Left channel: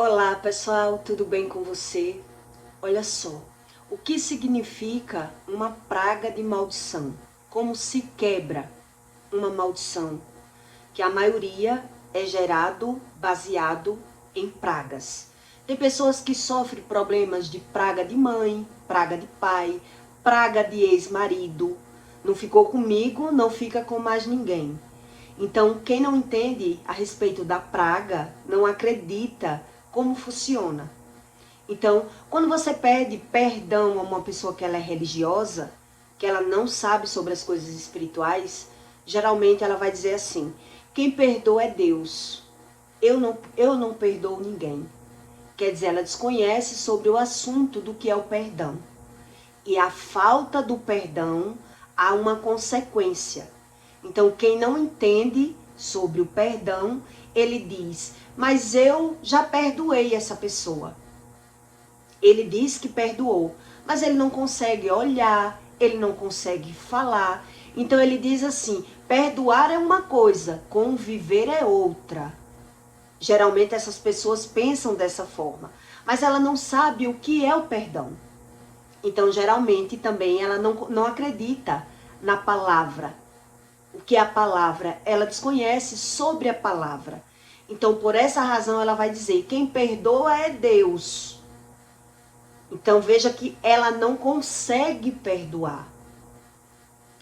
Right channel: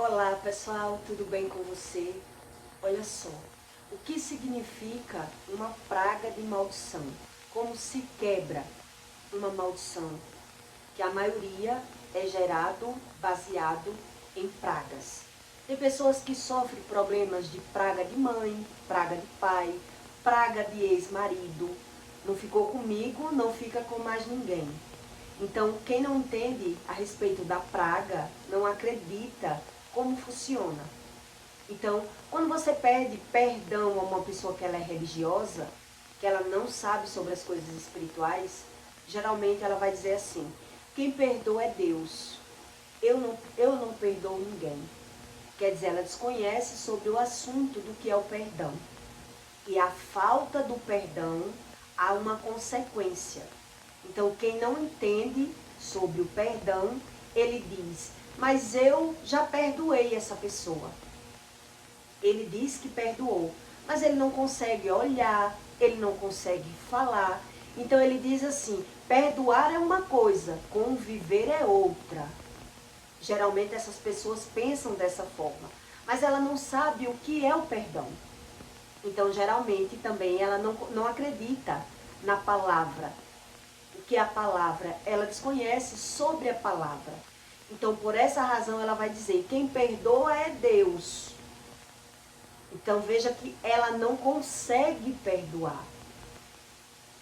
Olá pessoal, tudo bem com você? Olha só, o que significa uma praga de maldição? Como se quebra uma maldição? Que a maioria é gerado baseado em pragas. Tem pessoas que sofrem problemas de praga de mãe, praga de pai, praga de ex-marido. Não ficou comigo, não fica com mais ninguém. Então, quem não entende a respeito da praga, não acredita como funciona. Então, quando você pede perdão a uma pessoa que ela é religiosa, que ela não sabe sobre as coisas espirituais, geralmente ela vai dizer assim: quem perdoa é Deus. Eu não perdoo ninguém. Quer dizer, ela desconhece sobre o assunto do que é o perdão. E a falta do perdão há uma consequência. Então, quem não entende sobre o perdão, ele diz: mas eu já perdoei essa pessoa. Ele diz que perdoou, mas ele não consegue olhar, ele não consegue falar. Então, ele diz assim: perdoar é uma coisa, conviver é outra. Geralmente, essas pessoas pensam dessa forma, mas ela não sabe o que é o perdão. Então, geralmente, também ela não acredita na palavra. O que é a palavra? Ela desconhece sobre a palavra. Então, por essa razão, ela vai dizer: quem perdoa é Deus. Então, veja que ela não consegue perdoar.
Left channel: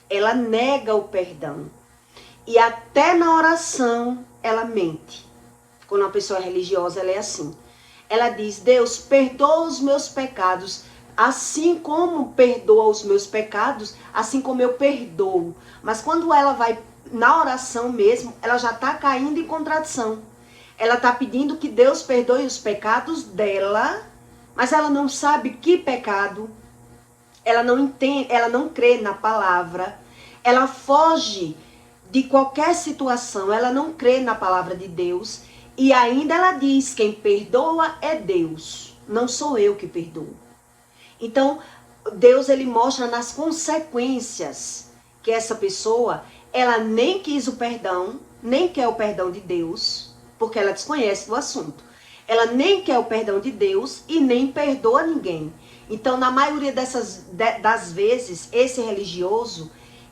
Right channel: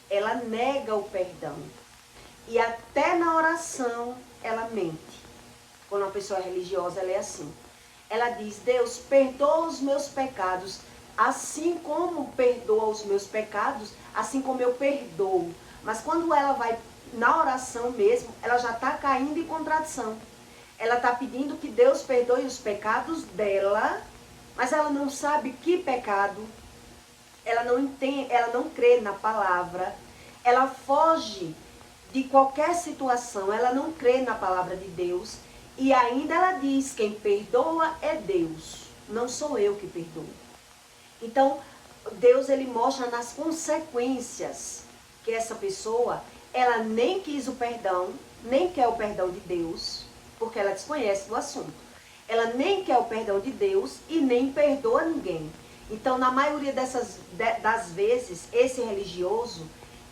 Ela nega o perdão. E até na oração, ela mente. Quando uma pessoa é religiosa, ela é assim. Ela diz: Deus, perdoa os meus pecados. Assim como perdoa os meus pecados, assim como eu perdoo. Mas quando ela vai na oração mesmo, ela já está caindo em contradição. Ela está pedindo que Deus perdoe os pecados dela, mas ela não sabe que pecado. Ela não entende, ela não crê na palavra. Ela foge de qualquer situação, ela não crê na palavra de Deus. E ainda ela diz: quem perdoa é Deus, não sou eu que perdoo. Então, Deus ele mostra nas consequências que essa pessoa, ela nem quis o perdão, nem quer o perdão de Deus, porque ela desconhece do assunto. Ela nem quer o perdão de Deus e nem perdoa ninguém. Então, na maioria das vezes, esse religioso,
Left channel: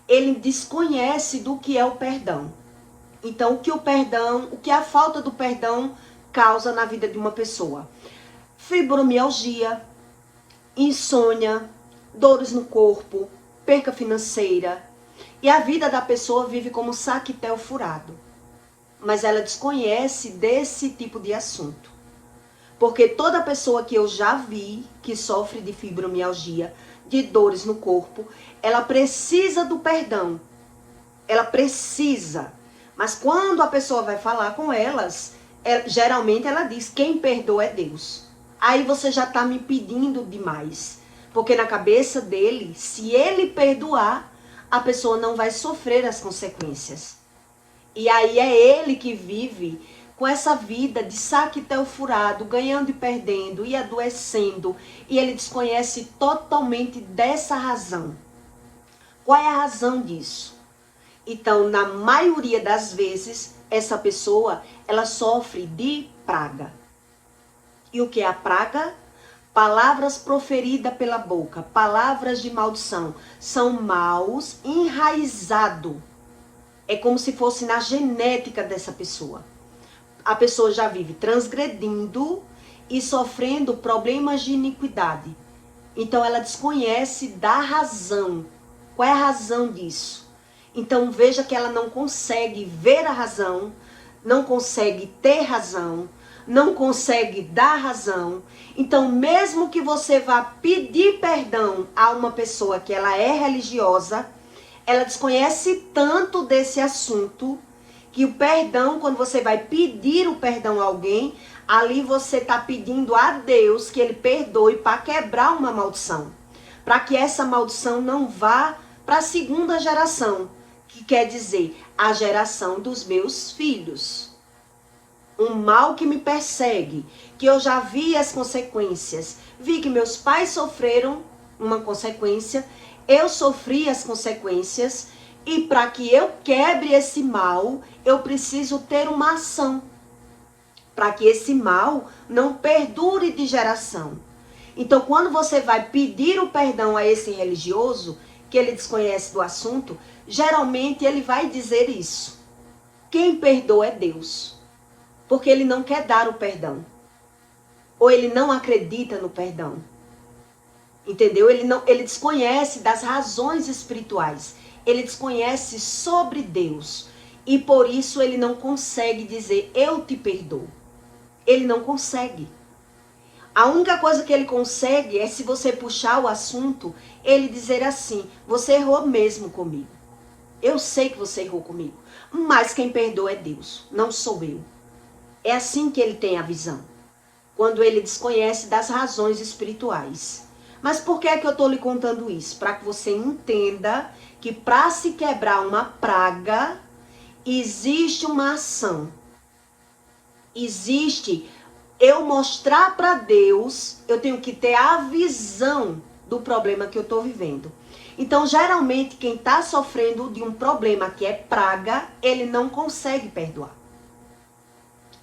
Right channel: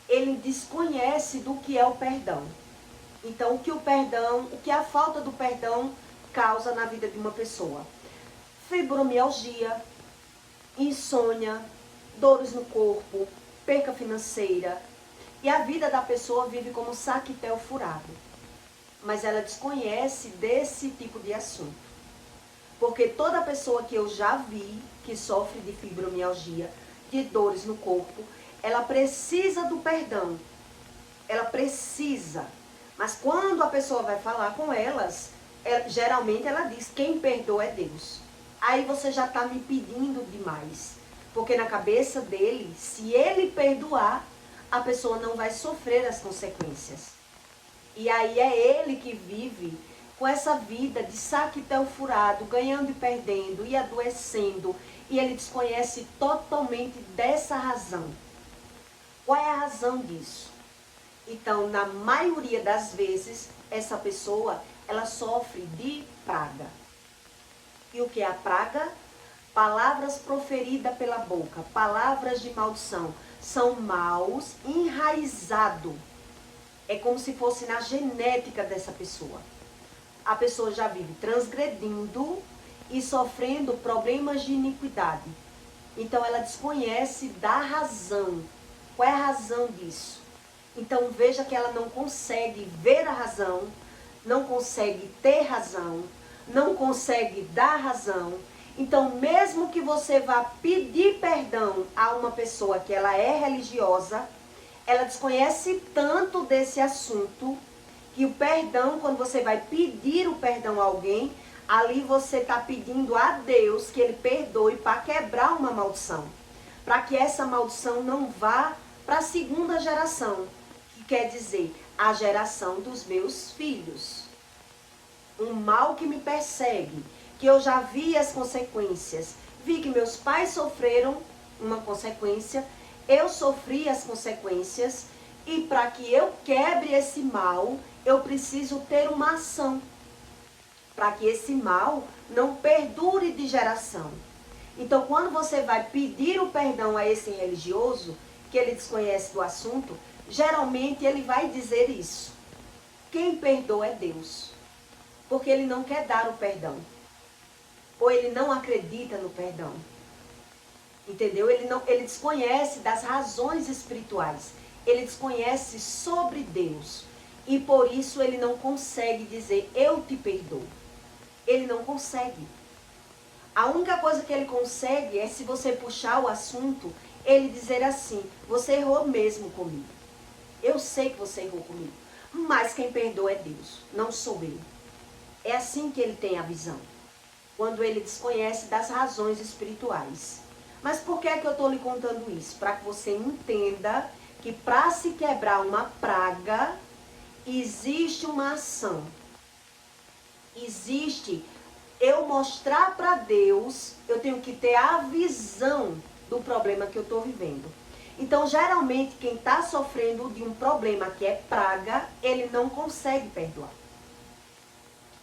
ele desconhece do que é o perdão. Então, o que a falta do perdão causa na vida de uma pessoa? Fibromialgia, insônia, dores no corpo, perca financeira. E a vida da pessoa vive como um saquetel furado. Mas ela desconhece desse tipo de assunto. Porque toda pessoa que eu já vi que sofre de fibromialgia, de dores no corpo, ela precisa do perdão. Ela precisa. Mas quando a pessoa vai falar com elas, geralmente ela diz: quem perdoa é Deus. Aí você já está me pedindo demais. Porque na cabeça dele, se ele perdoar, a pessoa não vai sofrer as consequências. E aí é ele que vive com essa vida de saquetel furado, ganhando e perdendo, e adoecendo. E ele desconhece totalmente dessa razão. Qual é a razão disso? Então, na maioria das vezes, essa pessoa, ela sofre de praga. E o que é a praga? Palavras proferidas pela boca, palavras de maldição, são maus enraizados. É como se fosse na genética dessa pessoa. A pessoa já vive transgredindo e sofrendo problemas de iniquidade. Então ela desconhece da razão. Qual é a razão disso? Então veja que ela não consegue ver a razão, não consegue ter razão, não consegue dar razão. Então, mesmo que você vá pedir perdão a uma pessoa que ela é religiosa, ela desconhece tanto desse assunto que o perdão, quando você vai pedir o perdão a alguém, ali você está pedindo a Deus que ele perdoe para quebrar uma maldição. Para que essa maldição não vá para a segunda geração, que quer dizer a geração dos meus filhos. Um mal que me persegue, que eu já vi as consequências. Vi que meus pais sofreram uma consequência, eu sofri as consequências, e para que eu quebre esse mal, eu preciso ter uma ação. para que esse mal não perdure de geração. Então, quando você vai pedir o perdão a esse religioso, que ele desconhece do assunto, geralmente ele vai dizer isso. Quem perdoa é Deus. Porque ele não quer dar o perdão. Ou ele não acredita no perdão. Entendeu? Ele desconhece das razões espirituais. Ele desconhece sobre Deus. E por isso ele não consegue dizer, eu te perdoo. Ele não consegue. A única coisa que ele consegue é, se você puxar o assunto, ele dizer assim, você errou mesmo comigo. Eu sei que você errou comigo. Mas quem perdoa é Deus, não sou eu. É assim que ele tem a visão. Quando ele desconhece das razões espirituais. Mas por que é que eu estou lhe contando isso? Para que você entenda que para se quebrar uma praga, existe uma ação. Existe eu mostrar para Deus, eu tenho que ter a visão do problema que eu estou vivendo. Então, geralmente, quem está sofrendo de um problema que é praga, ele não consegue perdoar.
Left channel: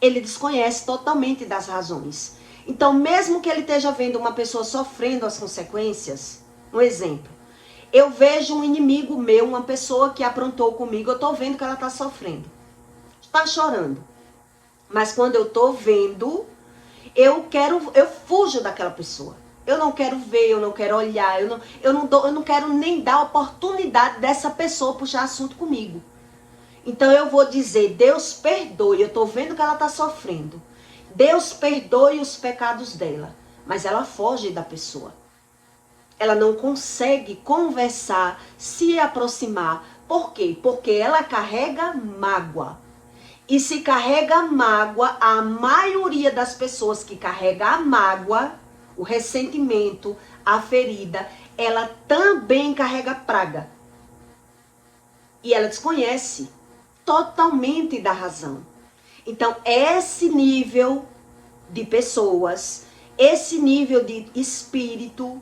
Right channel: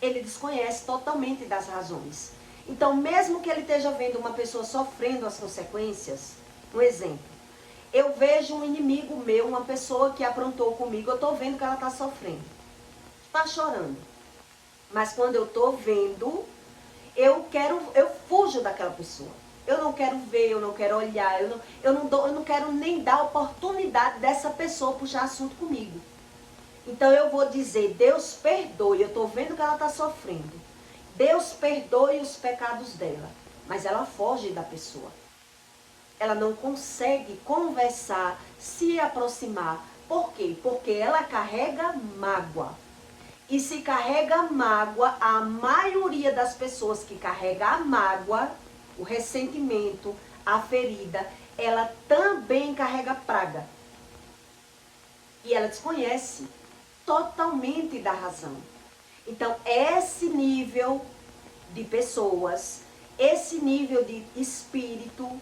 Ele desconhece totalmente das razões. Então, mesmo que ele esteja vendo uma pessoa sofrendo as consequências, um exemplo, eu vejo um inimigo meu, uma pessoa que aprontou comigo, eu estou vendo que ela está sofrendo, está chorando. Mas quando eu estou vendo, eu fujo daquela pessoa. Eu não quero ver, eu não quero olhar, eu não quero nem dar oportunidade dessa pessoa puxar assunto comigo. Então eu vou dizer, Deus perdoe, eu estou vendo que ela está sofrendo. Deus perdoe os pecados dela. Mas ela foge da pessoa. Ela não consegue conversar, se aproximar. Por quê? Porque ela carrega mágoa. E se carrega mágoa, a maioria das pessoas que carrega a mágoa, o ressentimento, a ferida, ela também carrega praga. E ela desconhece totalmente da razão. Então, esse nível de pessoas, esse nível de espírito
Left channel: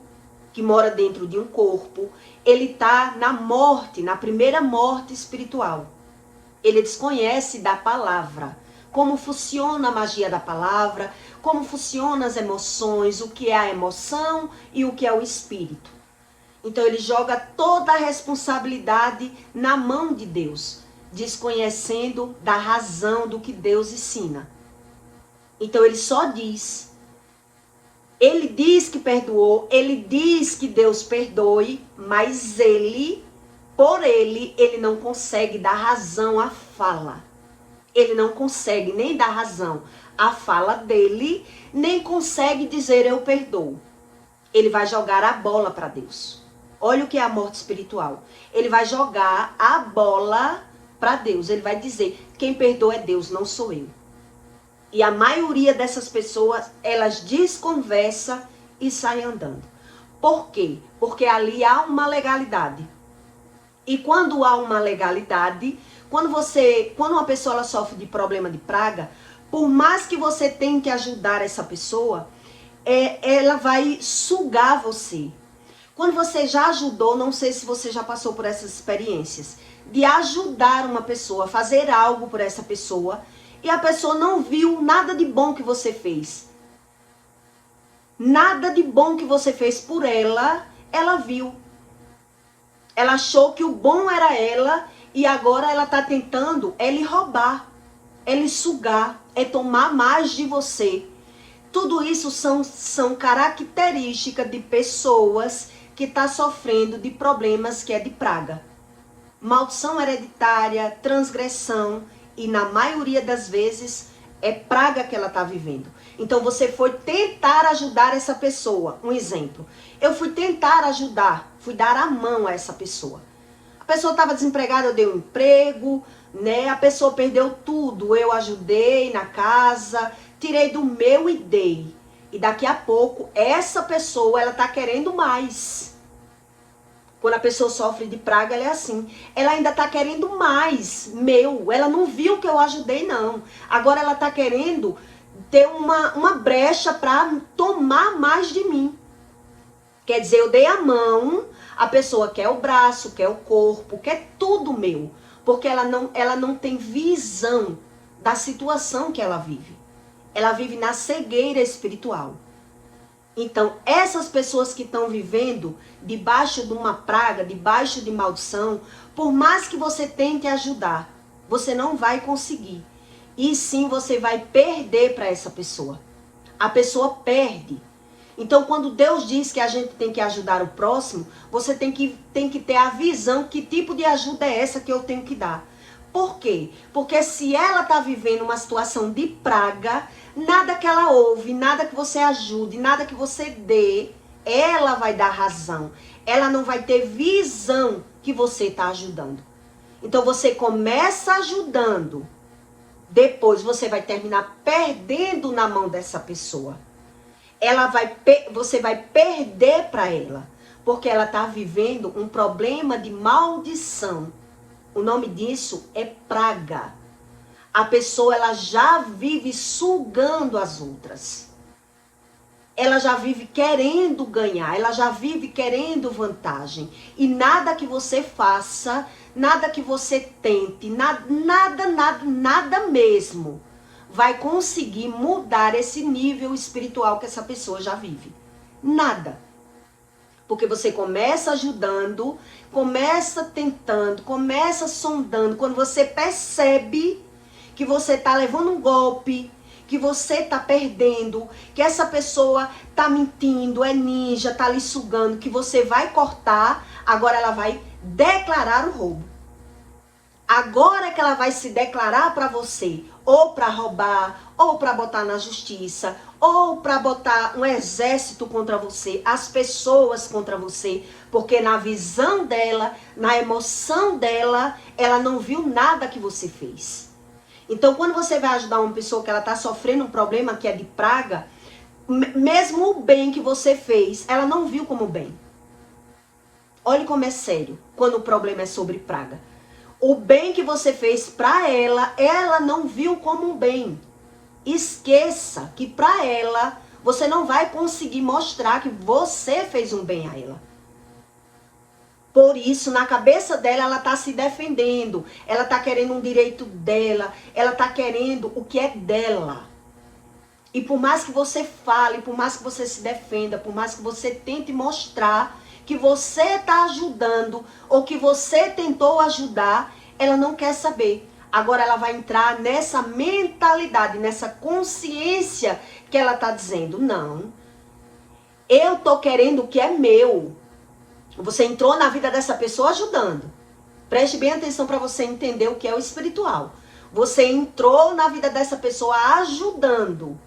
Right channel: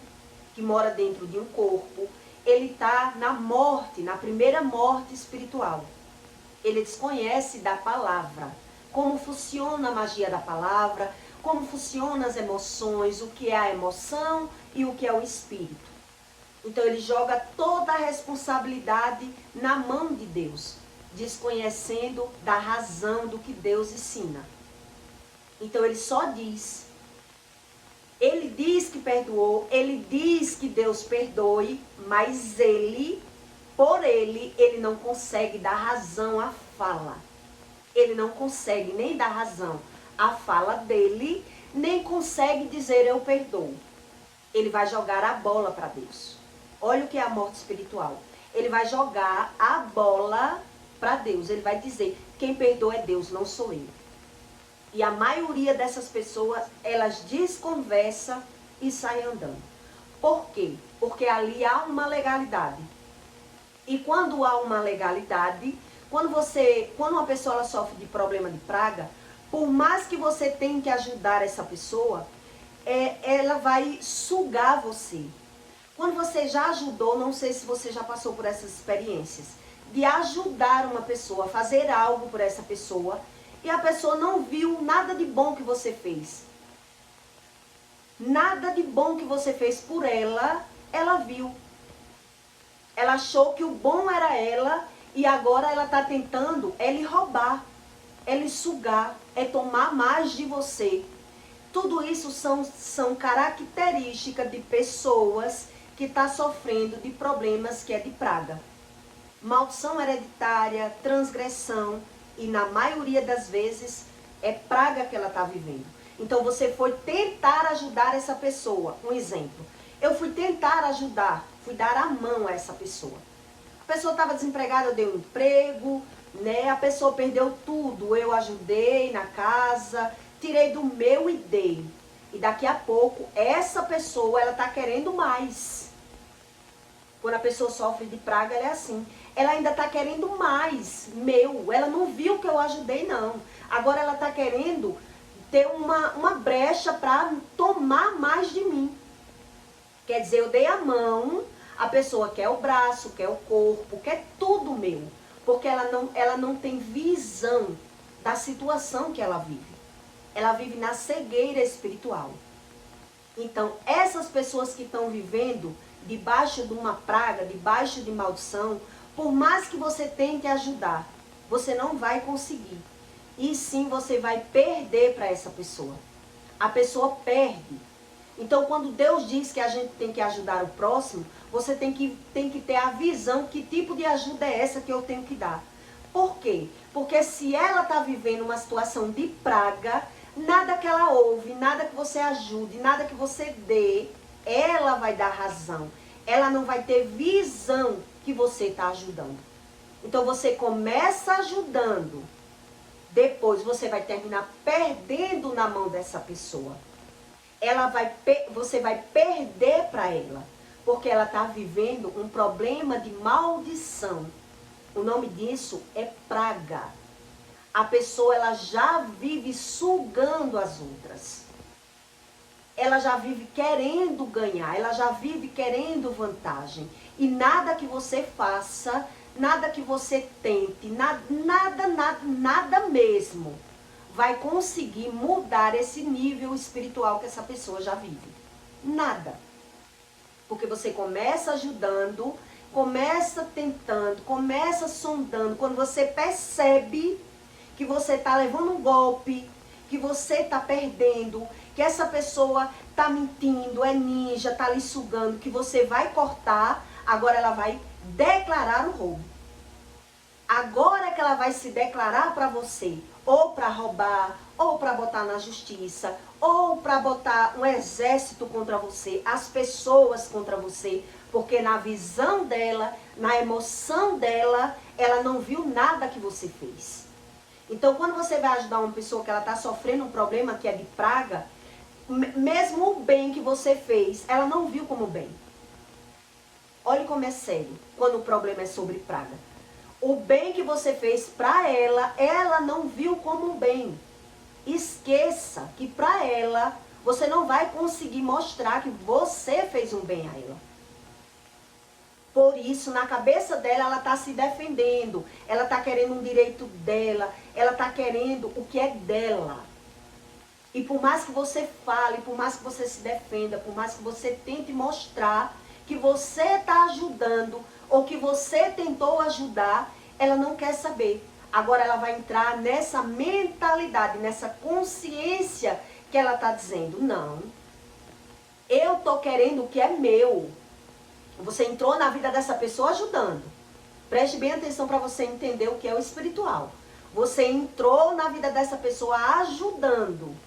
que mora dentro de um corpo, ele está na morte, na primeira morte espiritual. Ele desconhece da palavra, como funciona a magia da palavra, como funcionam as emoções, o que é a emoção e o que é o espírito. Então ele joga toda a responsabilidade na mão de Deus, desconhecendo da razão do que Deus ensina. Então ele só diz, ele diz que perdoou, ele diz que Deus perdoe, mas por ele não consegue dar razão à fala. Ele não consegue nem dar razão à fala dele, nem consegue dizer eu perdoo. Ele vai jogar a bola para Deus. Olha o que é a morte espiritual. Ele vai jogar a bola para Deus. Ele vai dizer, quem perdoa é Deus, não sou eu. E a maioria dessas pessoas, elas desconversam e saem andando. Por quê? Porque ali há uma legalidade. E quando há uma legalidade, quando uma pessoa ela sofre de problema de praga, por mais que você tente ajudar essa pessoa, ela vai sugar você. Quando você já ajudou, não sei se você já passou por essas experiências, de ajudar uma pessoa, fazer algo por essa pessoa, e a pessoa não viu nada de bom que você fez. Nada de bom que você fez por ela, ela viu. Ela achou que o bom era ela e agora ela está tentando lhe roubar, lhe sugar, tomar mais de você. Tudo isso são características de pessoas que estão sofrendo de problemas que é de praga. Maldição hereditária, transgressão e na maioria das vezes é praga que ela está vivendo. Então você foi tentar ajudar essa pessoa. Um exemplo, eu fui tentar ajudar, fui dar a mão a essa pessoa. A pessoa estava desempregada, eu dei um emprego, né? A pessoa perdeu tudo, eu ajudei na casa, tirei do meu e dei. E daqui a pouco, essa pessoa, ela está querendo mais. Quando a pessoa sofre de praga, ela é assim. Ela ainda está querendo mais, meu. Ela não viu que eu ajudei, não. Agora ela está querendo ter uma brecha para tomar mais de mim. Quer dizer, eu dei a mão, a pessoa quer o braço, quer o corpo, quer tudo meu. Porque ela não tem visão da situação que ela vive. ela vive na cegueira espiritual. Então, essas pessoas que estão vivendo debaixo de uma praga, debaixo de maldição, por mais que você tente ajudar, você não vai conseguir. E sim, você vai perder para essa pessoa. A pessoa perde. Então, quando Deus diz que a gente tem que ajudar o próximo, você tem que ter a visão que tipo de ajuda é essa que eu tenho que dar. Por quê? Porque se ela está vivendo uma situação de praga, nada que ela ouve, nada que você ajude, nada que você dê, ela vai dar razão. Ela não vai ter visão que você está ajudando. Então, você começa ajudando, depois você vai terminar perdendo na mão dessa pessoa. Você vai perder para ela, porque ela está vivendo um problema de maldição. O nome disso é praga. A pessoa, ela já vive sugando as outras. Ela já vive querendo ganhar, ela já vive querendo vantagem. E nada que você faça, nada que você tente, nada mesmo vai conseguir mudar esse nível espiritual que essa pessoa já vive. Nada. Porque você começa ajudando, começa tentando, começa sondando. Quando você percebe que você está levando um golpe, que você está perdendo, que essa pessoa está mentindo, é ninja, está lhe sugando, que você vai cortar, agora ela vai declarar o roubo. Agora é que ela vai se declarar para você, ou para roubar, ou para botar na justiça, ou para botar um exército contra você, as pessoas contra você, porque na visão dela, na emoção dela, ela não viu nada que você fez. Então, quando você vai ajudar uma pessoa que ela está sofrendo um problema que é de praga, mesmo o bem que você fez, ela não viu como bem. Olhe como é sério, quando o problema é sobre praga. O bem que você fez para ela não viu como um bem. Esqueça que para ela, você não vai conseguir mostrar que você fez um bem a ela. Por isso, na cabeça dela, ela está se defendendo. Ela está querendo um direito dela. Ela está querendo o que é dela. E por mais que você fale, por mais que você se defenda, por mais que você tente mostrar que você está ajudando ou que você tentou ajudar, ela não quer saber. Agora ela vai entrar nessa mentalidade, nessa consciência que ela está dizendo, não, eu estou querendo o que é meu. Você entrou na vida dessa pessoa ajudando. Preste bem atenção para você entender o que é o espiritual. Você entrou na vida dessa pessoa ajudando.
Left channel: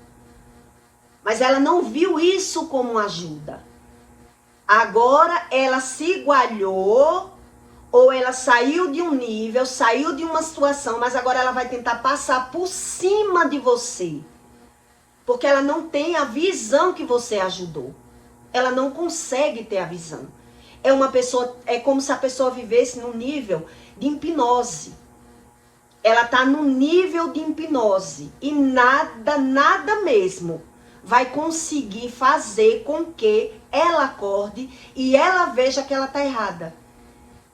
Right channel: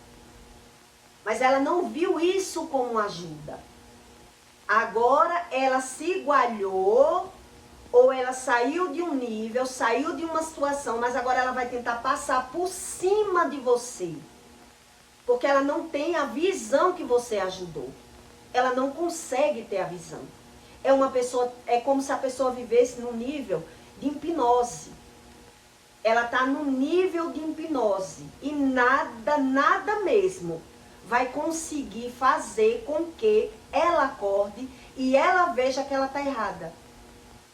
Mas ela não viu isso como ajuda. Agora ela se igualou, ou ela saiu de um nível, saiu de uma situação, mas agora ela vai tentar passar por cima de você. Porque ela não tem a visão que você ajudou. Ela não consegue ter a visão. É como se a pessoa vivesse num nível de hipnose. Ela está no nível de hipnose. E nada mesmo vai conseguir fazer com que ela acorde e ela veja que ela está errada.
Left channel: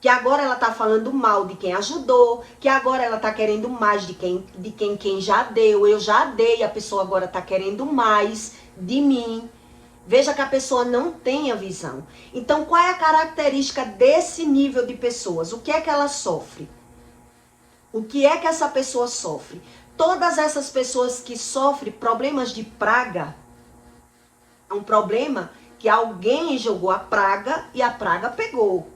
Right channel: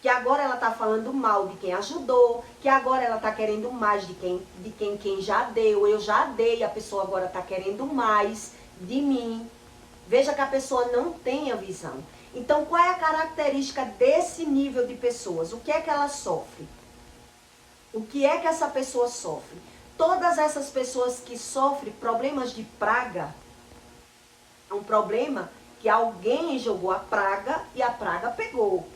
Que agora ela está falando mal de quem ajudou, que agora ela está querendo mais de quem já deu. Eu já dei, a pessoa agora está querendo mais de mim. Veja que a pessoa não tem a visão. Então, qual é a característica desse nível de pessoas? O que é que ela sofre? O que é que essa pessoa sofre? Todas essas pessoas que sofrem problemas de praga, é um problema que alguém jogou a praga e a praga pegou.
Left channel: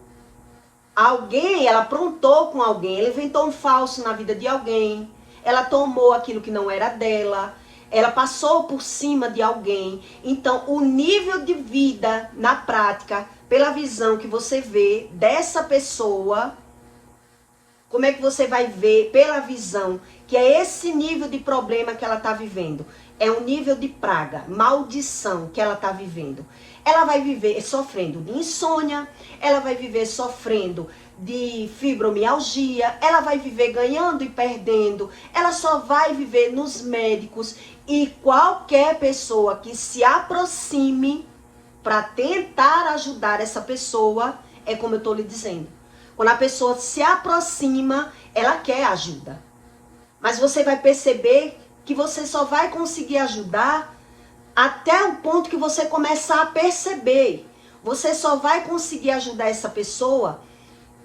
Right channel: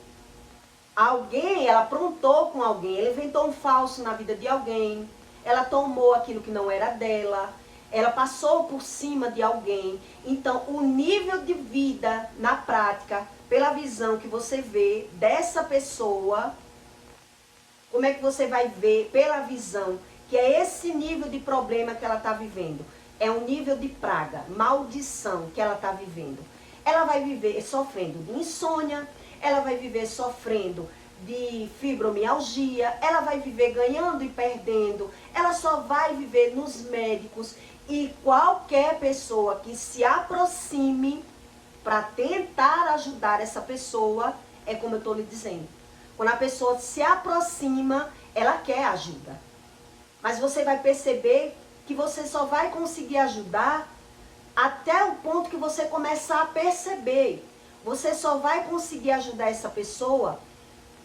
Alguém, ela aprontou com alguém, ela inventou um falso na vida de alguém, ela tomou aquilo que não era dela, ela passou por cima de alguém. Então, o nível de vida na prática, pela visão que você vê dessa pessoa, como é que você vai ver pela visão que é esse nível de problema que ela está vivendo? É um nível de praga, maldição que ela está vivendo. Ela vai viver sofrendo de insônia, ela vai viver sofrendo de fibromialgia, ela vai viver ganhando e perdendo, ela só vai viver nos médicos. E qualquer pessoa que se aproxime para tentar ajudar essa pessoa, é como eu estou lhe dizendo. Quando a pessoa se aproxima, ela quer ajuda. Mas você vai perceber que você só vai conseguir ajudar até o ponto que você começar a perceber. Você só vai conseguir ajudar essa pessoa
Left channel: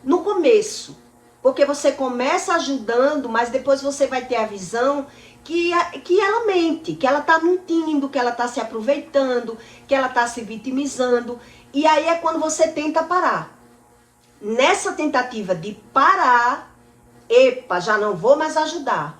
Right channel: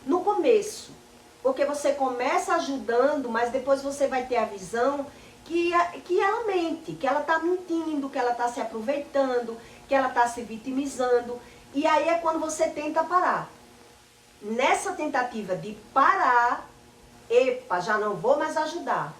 no começo. Porque você começa ajudando, mas depois você vai ter a visão que ela mente, que ela está mentindo, que ela está se aproveitando, que ela está se vitimizando. E aí é quando você tenta parar. Nessa tentativa de parar, epa, já não vou mais ajudar.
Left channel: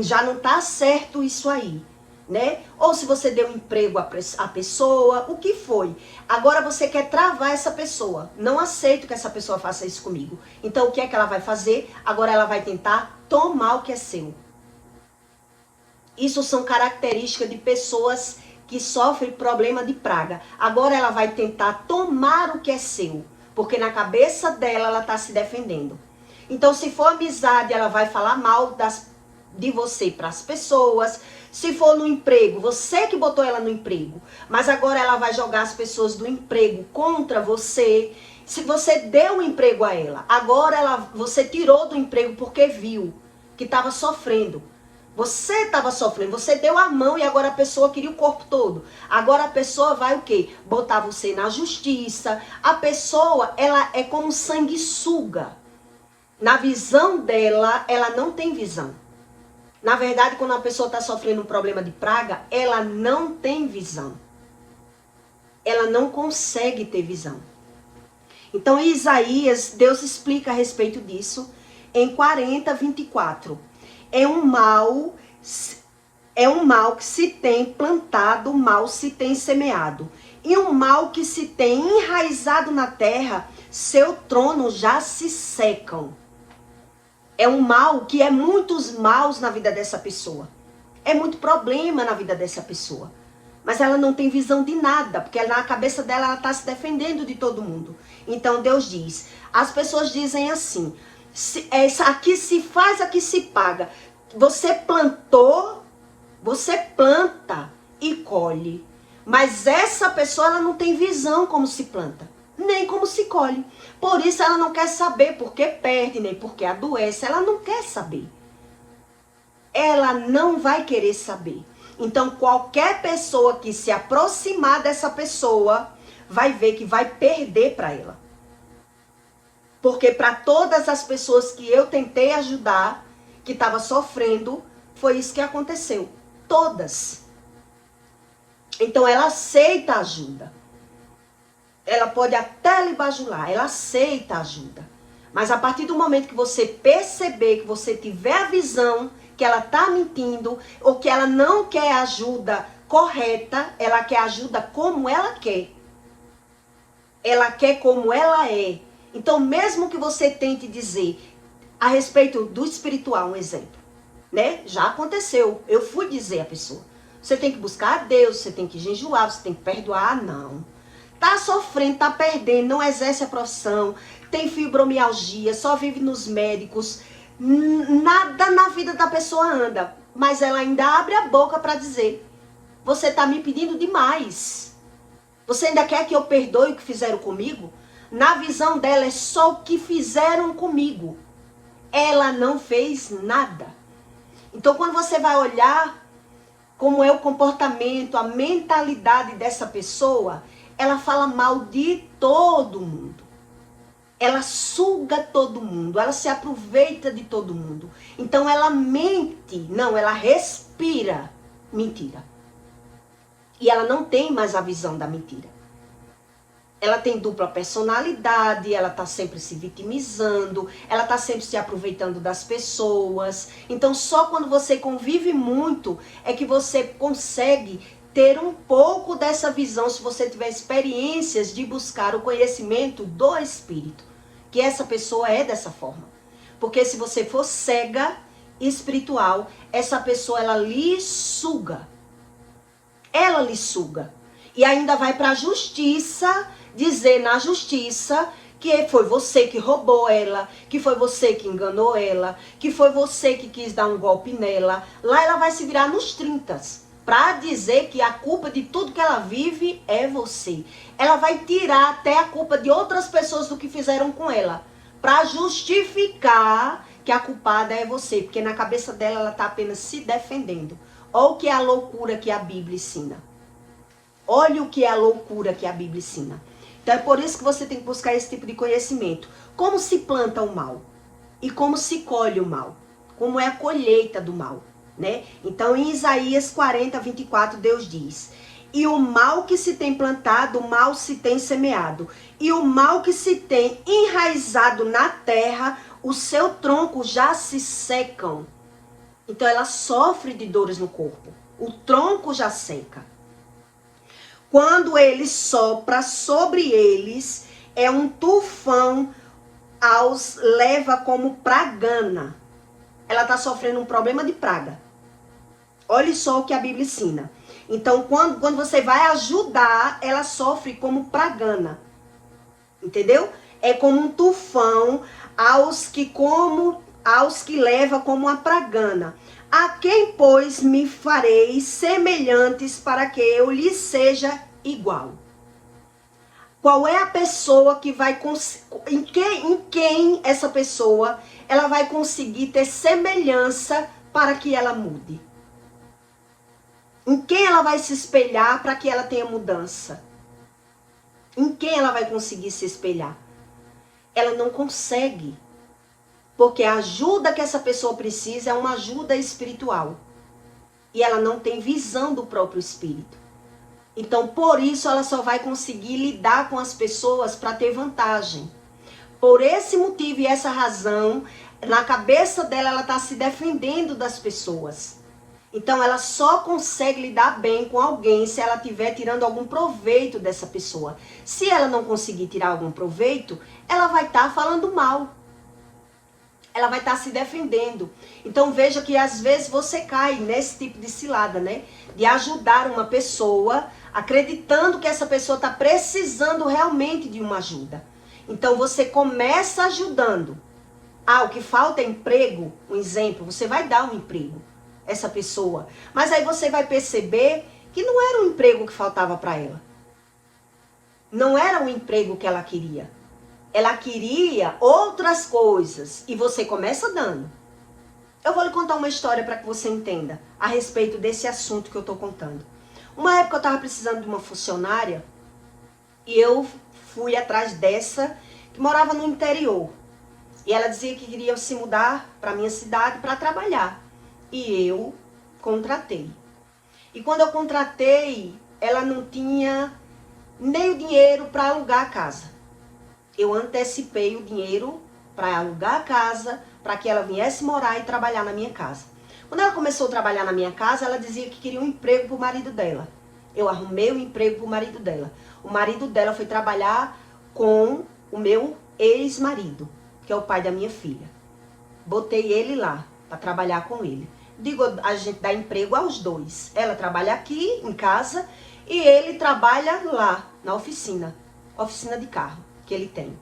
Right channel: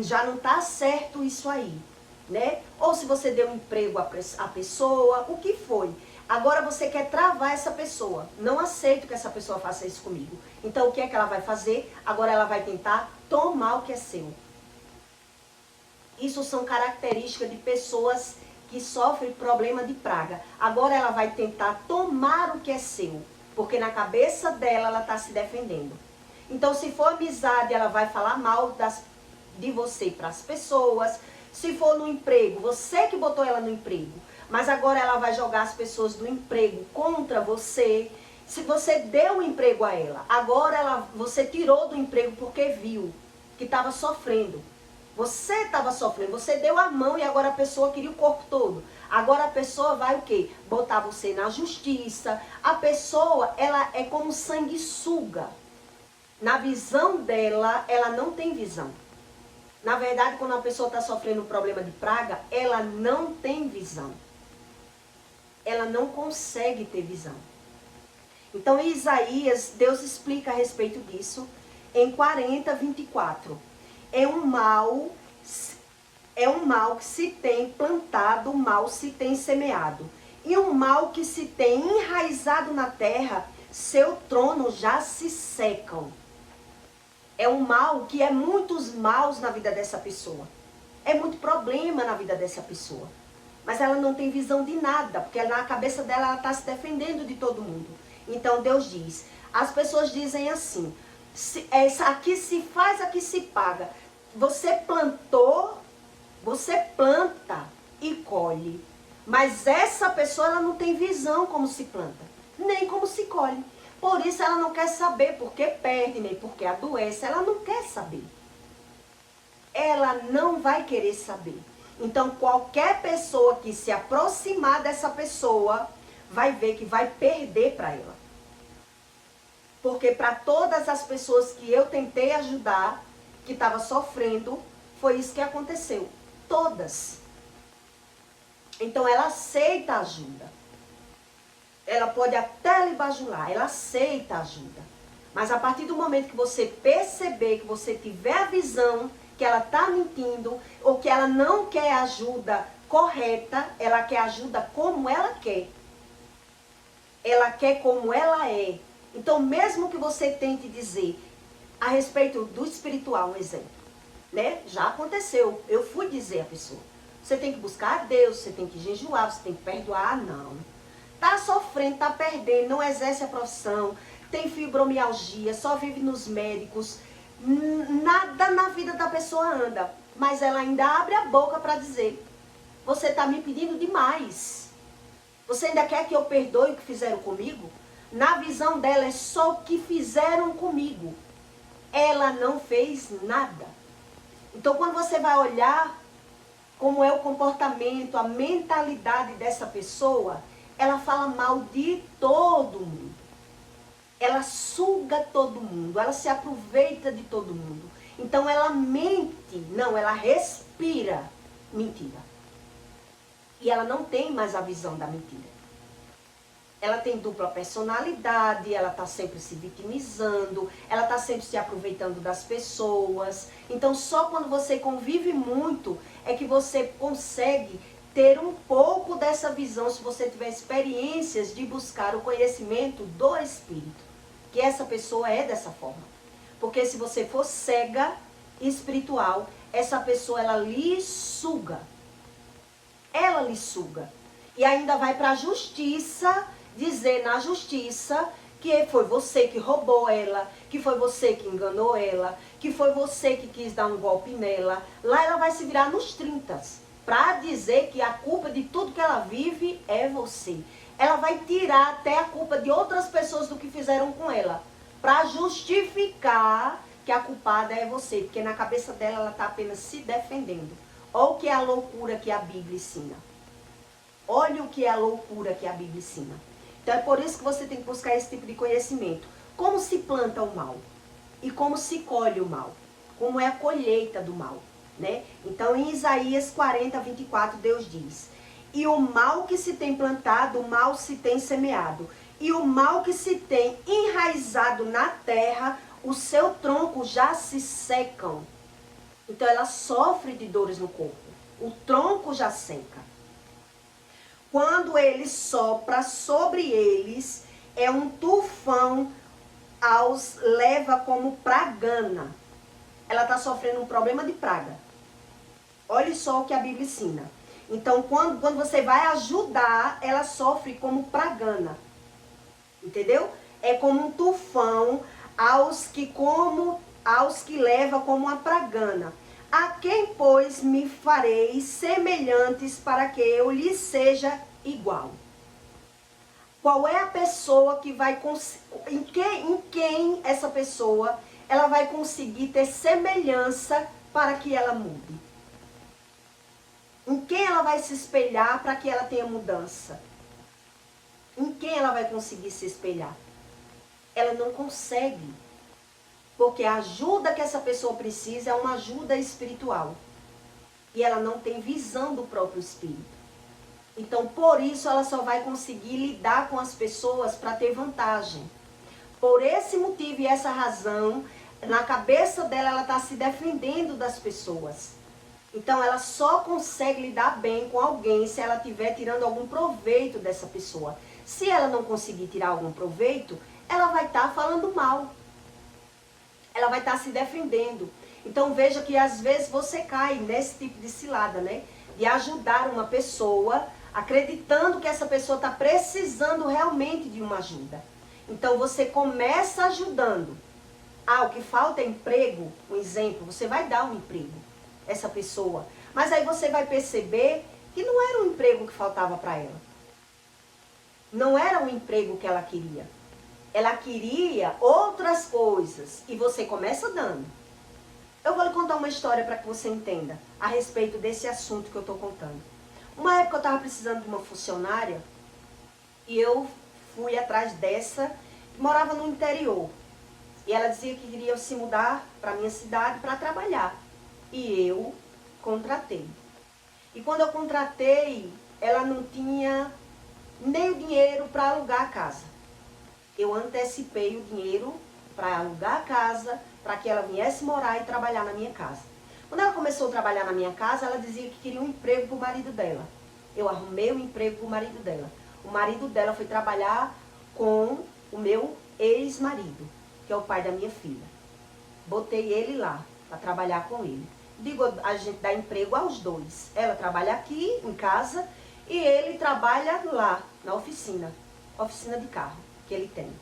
Já não está certo isso aí, né? Ou se você deu um emprego à pessoa, o que foi? Agora você quer travar essa pessoa. Não aceito que essa pessoa faça isso comigo. Então o que é que ela vai fazer? Agora ela vai tentar tomar o que é seu. Isso são características de pessoas que sofrem problema de praga. Agora ela vai tentar tomar o que é seu. Porque na cabeça dela, ela está se defendendo. Então, se for amizade, ela vai falar mal de você para as pessoas. Se for no emprego, você que botou ela no emprego. Mas agora ela vai jogar as pessoas do emprego contra você. Se você deu um emprego a ela, agora você tirou do emprego porque viu que estava sofrendo. Você estava sofrendo, você deu a mão e agora a pessoa queria o corpo todo. Agora a pessoa vai o quê? Botar você na justiça. A pessoa, ela é como sanguessuga. Na visão dela, ela não tem visão. Na verdade, quando a pessoa está sofrendo um problema de praga, ela não tem visão. Ela não consegue ter visão. Então, em Isaías, Deus explica a respeito disso em 40:24. É um mal que se tem plantado, mal se tem semeado. E um mal que se tem enraizado na terra, seu trono já se secam. É um mal que é muitos maus na vida dessa pessoa. É muito problema na vida dessa pessoa. Mas ela não tem visão de nada, porque na cabeça dela ela está se defendendo de todo mundo. Então Deus diz, as pessoas dizem assim, aqui se faz, aqui se paga. Você plantou, você planta e colhe. Mas essa pessoa ela não tem visão como se planta, nem como se colhe. Por isso ela não quer saber porque perde, nem porque adoece. Ela não quer saber. Ela não vai querer saber. Então qualquer pessoa que se aproximar dessa pessoa vai ver que vai perder para ela. Porque para todas as pessoas que eu tentei ajudar, que estava sofrendo, foi isso que aconteceu. Todas. Então ela aceita ajuda. Ela pode até lhe bajular, ela aceita ajuda. Mas a partir do momento que você perceber, que você tiver a visão que ela está mentindo, ou que ela não quer ajuda correta, ela quer ajuda como ela quer. Ela quer como ela é. Então, mesmo que você tente dizer a respeito do espiritual, um exemplo, né? Já aconteceu. Eu fui dizer à pessoa, você tem que buscar a Deus, você tem que jejuar, você tem que perdoar. Não. Tá sofrendo, tá perdendo, não exerce a profissão, tem fibromialgia, só vive nos médicos, nada na vida da pessoa anda. Mas ela ainda abre a boca para dizer, você tá me pedindo demais. Você ainda quer que eu perdoe o que fizeram comigo? Na visão dela é só o que fizeram comigo. Ela não fez nada. Então quando você vai olhar como é o comportamento, a mentalidade dessa pessoa, ela fala mal de todo mundo. Ela suga todo mundo, ela se aproveita de todo mundo. Então ela mente, não, ela respira mentira. E ela não tem mais a visão da mentira. Ela tem dupla personalidade, ela está sempre se vitimizando, ela está sempre se aproveitando das pessoas. Então só quando você convive muito é que você consegue ter um pouco dessa visão, se você tiver experiências de buscar o conhecimento do Espírito. Que essa pessoa é dessa forma. Porque se você for cega espiritual, essa pessoa ela lhe suga. Ela lhe suga. E ainda vai para a justiça, dizer na justiça que foi você que roubou ela, que foi você que enganou ela, que foi você que quis dar um golpe nela. Lá ela vai se virar nos 30 para dizer que a culpa de tudo que ela vive é você. Ela vai tirar até a culpa de outras pessoas do que fizeram com ela, para justificar que a culpada é você, porque na cabeça dela ela está apenas se defendendo. Olha o que é a loucura que a Bíblia ensina. Olha o que é a loucura que a Bíblia ensina. Então é por isso que você tem que buscar esse tipo de conhecimento. Como se planta o mal e como se colhe o mal. Como é a colheita do mal, né? Então em Isaías 40, 24, Deus diz: e o mal que se tem plantado, o mal se tem semeado. E o mal que se tem enraizado na terra, o seu tronco já se secam. Então ela sofre de dores no corpo. O tronco já seca. Quando ele sopra sobre eles, é um tufão, aos leva como pragana. Ela está sofrendo um problema de praga. Olha só o que a Bíblia ensina. Então, quando você vai ajudar, ela sofre como pragana. Entendeu? É como um tufão aos que leva como uma pragana. A quem, pois, me farei semelhantes para que eu lhe seja igual? Qual é a pessoa que vai em quem essa pessoa ela vai conseguir ter semelhança para que ela mude? Em quem ela vai se espelhar para que ela tenha mudança? Em quem ela vai conseguir se espelhar? Ela não consegue. Porque a ajuda que essa pessoa precisa é uma ajuda espiritual. E ela não tem visão do próprio espírito. Então, por isso, ela só vai conseguir lidar com as pessoas para ter vantagem. Por esse motivo e essa razão, na cabeça dela, ela está se defendendo das pessoas. Então, ela só consegue lidar bem com alguém se ela estiver tirando algum proveito dessa pessoa. Se ela não conseguir tirar algum proveito, ela vai estar falando mal. Ela vai estar se defendendo. Então, veja que às vezes você cai nesse tipo de cilada, né? De ajudar uma pessoa, acreditando que essa pessoa está precisando realmente de uma ajuda. Então, você começa ajudando. Ah, o que falta é emprego, um exemplo, você vai dar um emprego a essa pessoa. Mas aí você vai perceber que não era um emprego que faltava para ela. Não era o emprego que ela queria. Ela queria outras coisas e você começa dando. Eu vou lhe contar uma história para que você entenda a respeito desse assunto que eu estou contando. Uma época eu estava precisando de uma funcionária e eu fui atrás dessa que morava no interior. E ela dizia que queria se mudar para a minha cidade para trabalhar. E eu contratei. E quando eu contratei, ela não tinha nem o dinheiro para alugar a casa. Eu antecipei o dinheiro para alugar a casa, para que ela viesse morar e trabalhar na minha casa. Quando ela começou a trabalhar na minha casa, ela dizia que queria um emprego para o marido dela. Eu arrumei um emprego para o marido dela. O marido dela foi trabalhar com o meu ex-marido, que é o pai da minha filha. Botei ele lá para trabalhar com ele. Digo, a gente dá emprego aos dois. Ela trabalha aqui em casa e ele trabalha lá na oficina de carro que ele tem.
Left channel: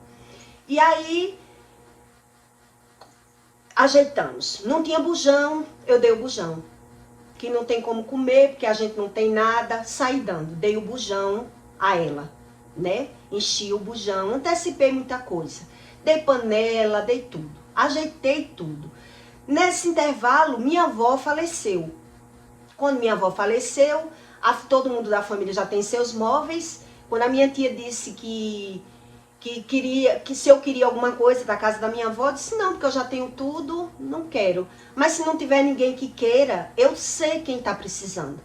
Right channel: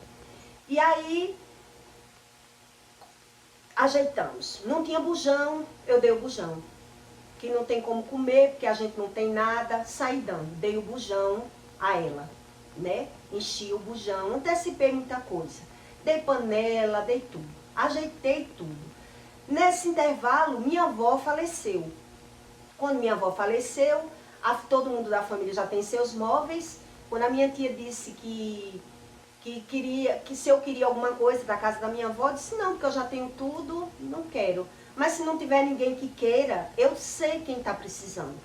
E aí ajeitamos. Não tinha bujão, eu dei o bujão. Que não tem como comer, porque a gente não tem nada, saí dando. Dei o bujão a ela, né? Enchi o bujão, antecipei muita coisa. Dei panela, dei tudo. Ajeitei tudo. Nesse intervalo, minha avó faleceu. Quando minha avó faleceu, todo mundo da família já tem seus móveis. Quando a minha tia disse que se eu queria alguma coisa da casa da minha avó, eu disse não, porque eu já tenho tudo, não quero. Mas se não tiver ninguém que queira, eu sei quem está precisando.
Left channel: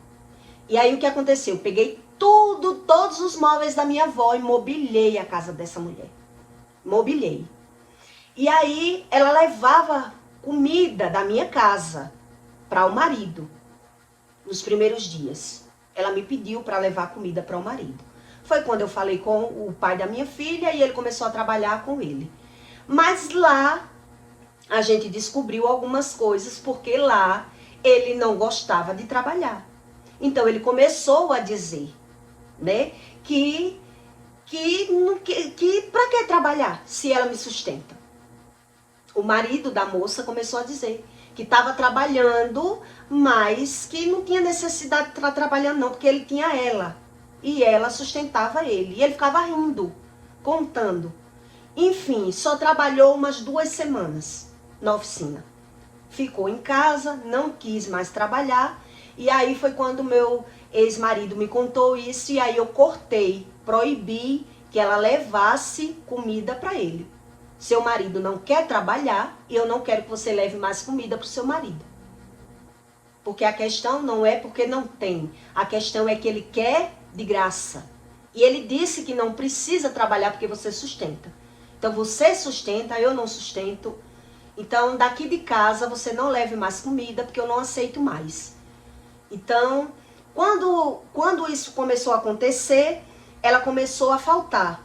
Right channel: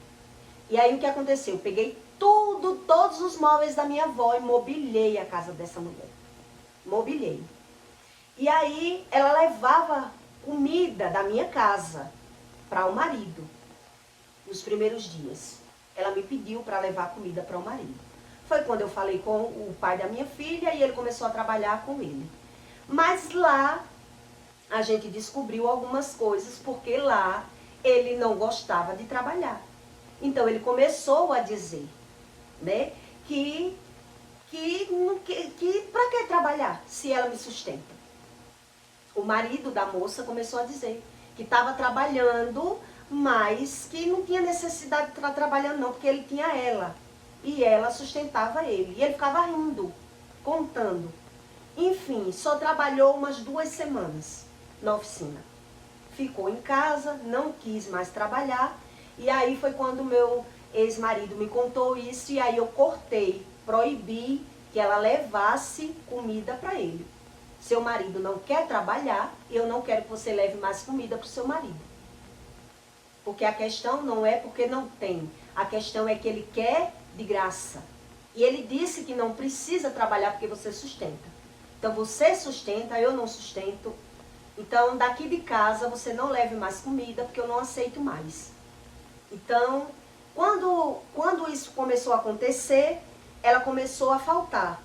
E aí o que aconteceu? Eu peguei tudo, todos os móveis da minha avó e mobilei a casa dessa mulher. Mobilei. E aí ela levava comida da minha casa para o marido nos primeiros dias. Ela me pediu para levar comida para o marido. Foi quando eu falei com o pai da minha filha e ele começou a trabalhar com ele. Mas lá a gente descobriu algumas coisas, porque lá ele não gostava de trabalhar. Então ele começou a dizer, né, que para que trabalhar se ela me sustenta? O marido da moça começou a dizer que estava trabalhando, mas que não tinha necessidade de estar trabalhando não, porque ele tinha ela. E ela sustentava ele. E ele ficava rindo, contando. Enfim, só trabalhou umas 2 semanas na oficina. Ficou em casa, não quis mais trabalhar. E aí foi quando meu ex-marido me contou isso, e aí eu cortei, proibi que ela levasse comida para ele. Seu marido não quer trabalhar e eu não quero que você leve mais comida para o seu marido. Porque a questão não é porque não tem, a questão é que ele quer de graça. E ele disse que não precisa trabalhar porque você sustenta. Então você sustenta, eu não sustento. Então daqui de casa você não leve mais comida porque eu não aceito mais. Então, quando isso começou a acontecer, ela começou a faltar.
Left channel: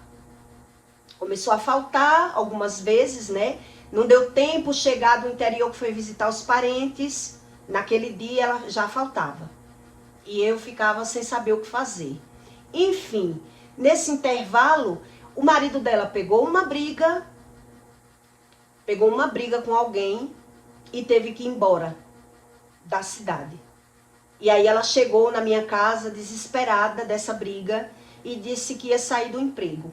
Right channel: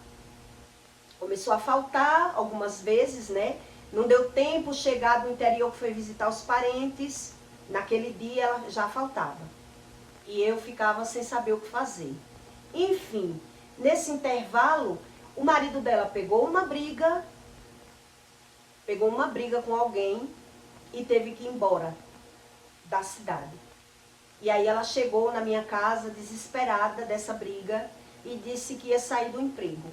Começou a faltar algumas vezes, né? Não deu tempo, chegar do interior que foi visitar os parentes. Naquele dia ela já faltava. E eu ficava sem saber o que fazer. Enfim, nesse intervalo, o marido dela pegou uma briga com alguém e teve que ir embora da cidade. E aí ela chegou na minha casa desesperada dessa briga e disse que ia sair do emprego.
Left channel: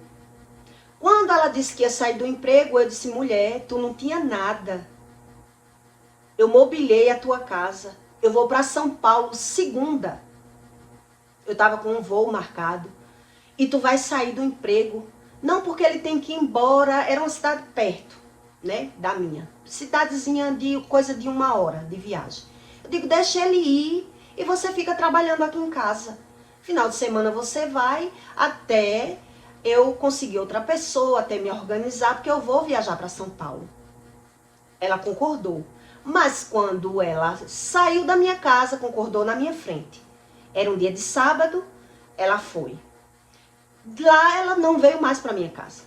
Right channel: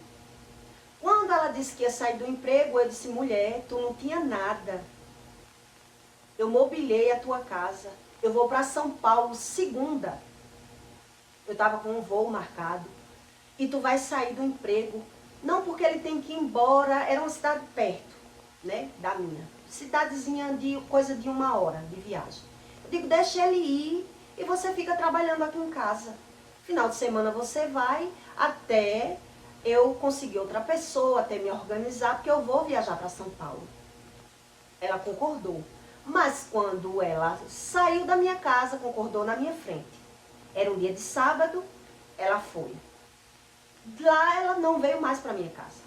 Quando ela disse que ia sair do emprego, eu disse: mulher, tu não tinha nada. Eu mobilei a tua casa. Eu vou para São Paulo segunda. Eu estava com um voo marcado. E tu vai sair do emprego. Não porque ele tem que ir embora. Era uma cidade perto, né, da minha. Cidadezinha de coisa de 1 hora de viagem. Eu digo: deixa ele ir e você fica trabalhando aqui em casa. Final de semana você vai até eu conseguir outra pessoa, até me organizar, porque eu vou viajar para São Paulo. Ela concordou. Mas quando ela saiu da minha casa, concordou na minha frente. Era um dia de sábado, ela foi. Lá ela não veio mais para minha casa.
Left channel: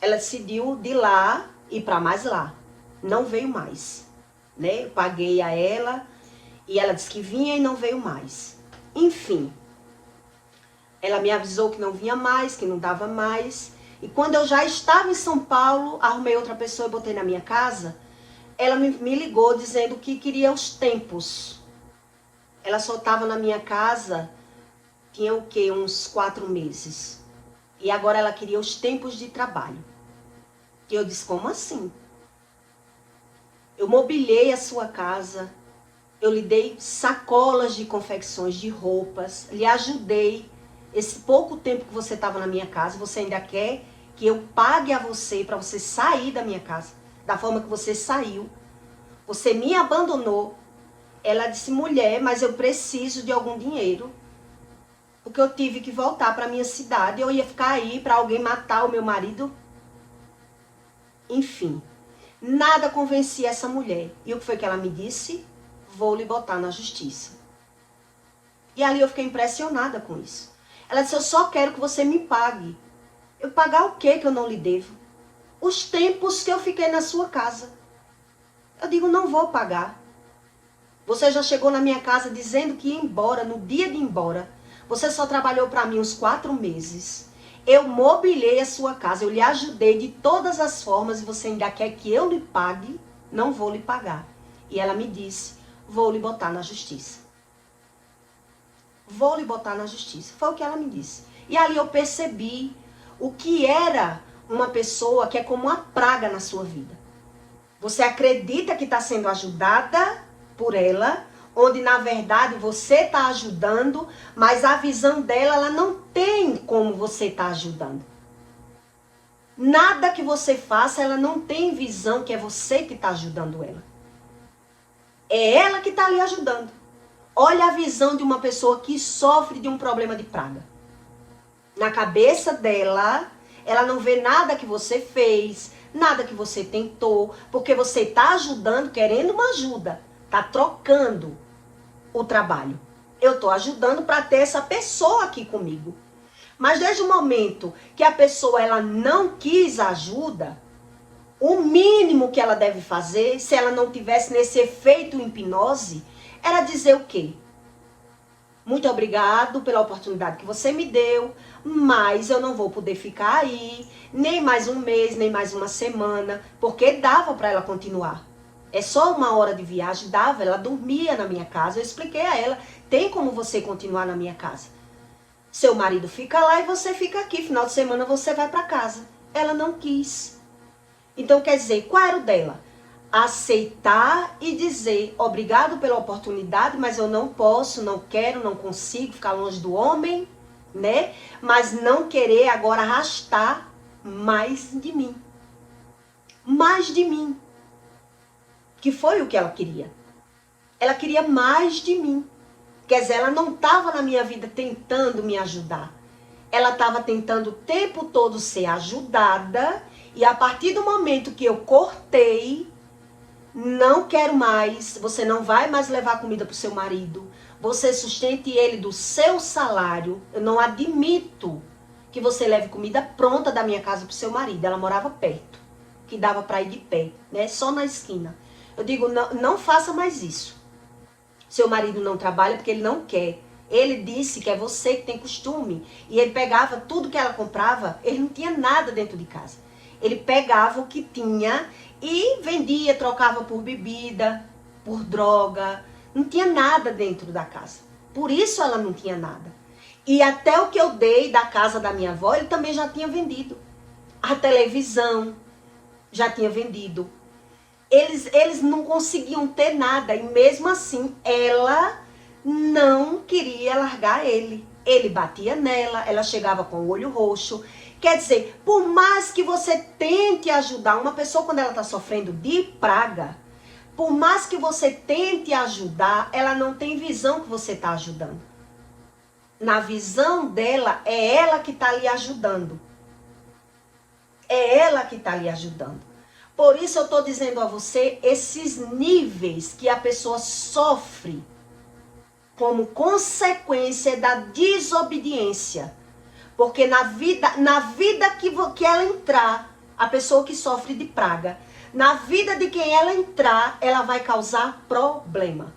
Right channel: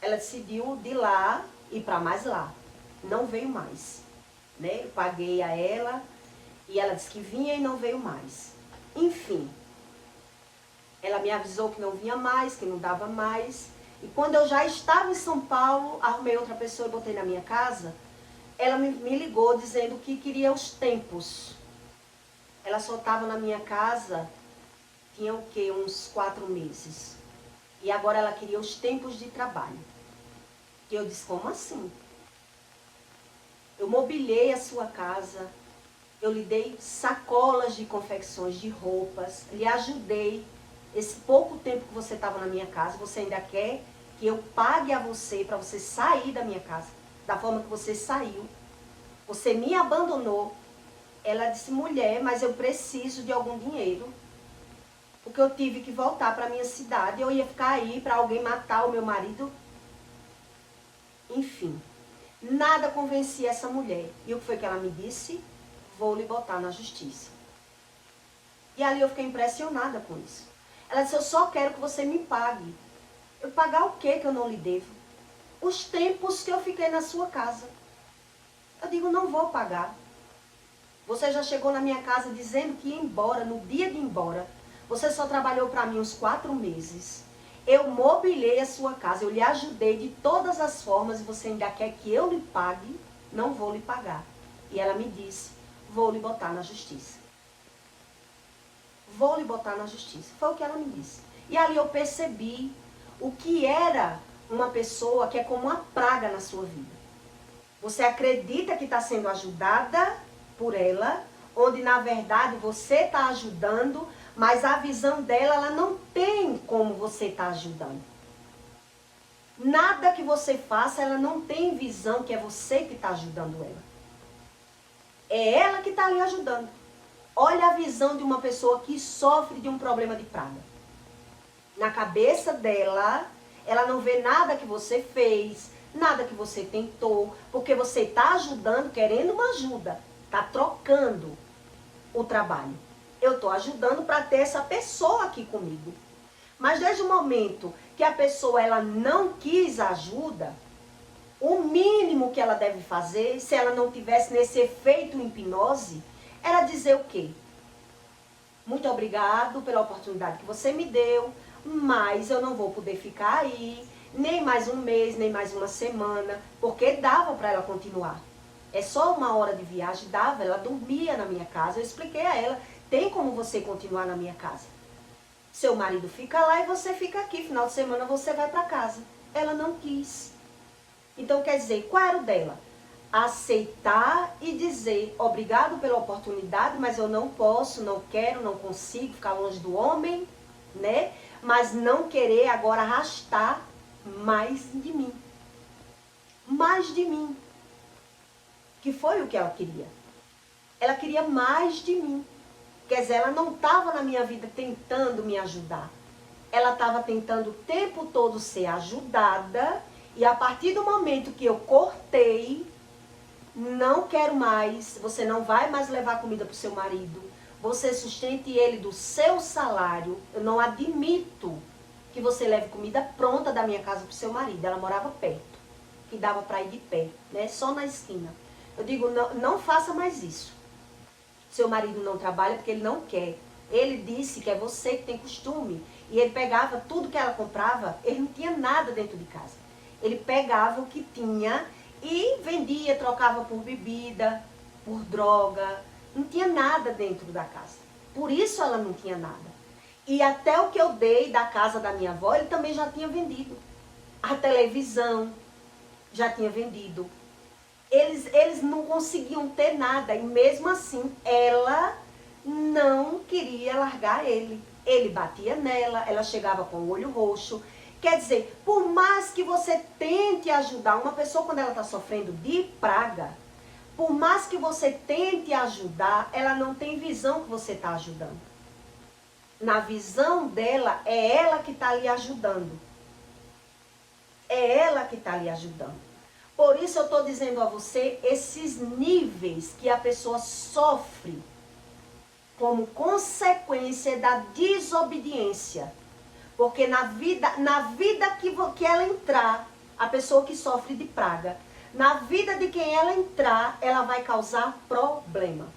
Ela decidiu de lá ir para mais lá. Não veio mais, né? Eu paguei a ela e ela disse que vinha e não veio mais. Enfim, ela me avisou que não vinha mais, que não dava mais. E quando eu já estava em São Paulo, arrumei outra pessoa e botei na minha casa. Ela me ligou dizendo que queria os tempos. Ela só estava na minha casa, tinha o quê? Uns 4 meses. E agora ela queria os tempos de trabalho. E eu disse: como assim? Eu mobilei a sua casa, eu lhe dei sacolas de confecções de roupas, lhe ajudei. Esse pouco tempo que você estava na minha casa, você ainda quer que eu pague a você para você sair da minha casa? Da forma que você saiu. Você me abandonou. Ela disse: mulher, mas eu preciso de algum dinheiro. Porque eu tive que voltar para minha cidade. Eu ia ficar aí para alguém matar o meu marido. Enfim, nada convencia essa mulher. E o que foi que ela me disse? Vou lhe botar na justiça. E ali eu fiquei impressionada com isso. Ela disse: eu só quero que você me pague. Eu pagar o quê que eu não lhe devo? Os tempos que eu fiquei na sua casa. Eu digo: não vou pagar. Você já chegou na minha casa dizendo que ia embora, no dia de ir embora. Você só trabalhou para mim uns 4 meses. Eu mobilei a sua casa, eu lhe ajudei de todas as formas e você ainda quer que eu lhe pague? Não vou lhe pagar. E ela me disse: vou lhe botar na justiça. Vou lhe botar na justiça. Foi o que ela me disse. E ali eu percebi o que era uma pessoa que é como uma praga na sua vida. Você acredita que está sendo ajudada por ela, onde na verdade você está ajudando, mas a visão dela, ela não tem como você está ajudando. Nada que você faça, ela não tem visão que é você que está ajudando ela. É ela que está ali ajudando. Olha a visão de uma pessoa que sofre de um problema de praga. Na cabeça dela, ela não vê nada que você fez, nada que você tentou, porque você está ajudando, querendo uma ajuda, está trocando o trabalho. Eu estou ajudando para ter essa pessoa aqui comigo. Mas desde o momento que a pessoa ela não quis ajuda, o mínimo que ela deve fazer, se ela não tivesse nesse efeito hipnose, era dizer o quê? Muito obrigado pela oportunidade que você me deu, mas eu não vou poder ficar aí, nem mais um mês, nem mais uma semana, porque dava para ela continuar. É só 1 hora de viagem, dava, ela dormia na minha casa. Eu expliquei a ela: tem como você continuar na minha casa. Seu marido fica lá e você fica aqui, final de semana você vai para casa. Ela não quis. Então quer dizer, qual era o dela? aceitar e dizer obrigado pela oportunidade, mas eu não posso, não quero, não consigo ficar longe do homem, né? Mas não querer agora arrastar mais de mim. Mais de mim. Que foi o que ela queria. Ela queria mais de mim. Quer dizer, ela não estava na minha vida tentando me ajudar. Ela estava tentando o tempo todo ser ajudada. E a partir do momento que eu cortei, não quero mais, você não vai mais levar comida para o seu marido. Você sustente ele do seu salário. Eu não admito que você leve comida pronta da minha casa para o seu marido. Ela morava perto, que dava para ir de pé, né? Só na esquina. Eu digo, não faça mais isso. Seu marido não trabalha porque ele não quer. Ele disse que é você que tem costume. E ele pegava tudo que ela comprava, ele não tinha nada dentro de casa. Ele pegava o que tinha e vendia, trocava por bebida, por droga. Não tinha nada dentro da casa. Por isso ela não tinha nada. E até o que eu dei da casa da minha avó, ele também já tinha vendido. A televisão já tinha vendido. Eles não conseguiam ter nada. E mesmo assim, ela não queria largar ele. Ele batia nela, ela chegava com o olho roxo. Quer dizer, por mais que você tente ajudar uma pessoa quando ela está sofrendo de praga, por mais que você tente ajudar, ela não tem visão que você está ajudando. Na visão dela, é ela que está lhe ajudando. É ela que está lhe ajudando. Por isso eu estou dizendo a você esses níveis que a pessoa sofre como consequência da desobediência. Porque na vida que ela entrar, a pessoa que sofre de praga, na vida de quem ela entrar, ela vai causar problema.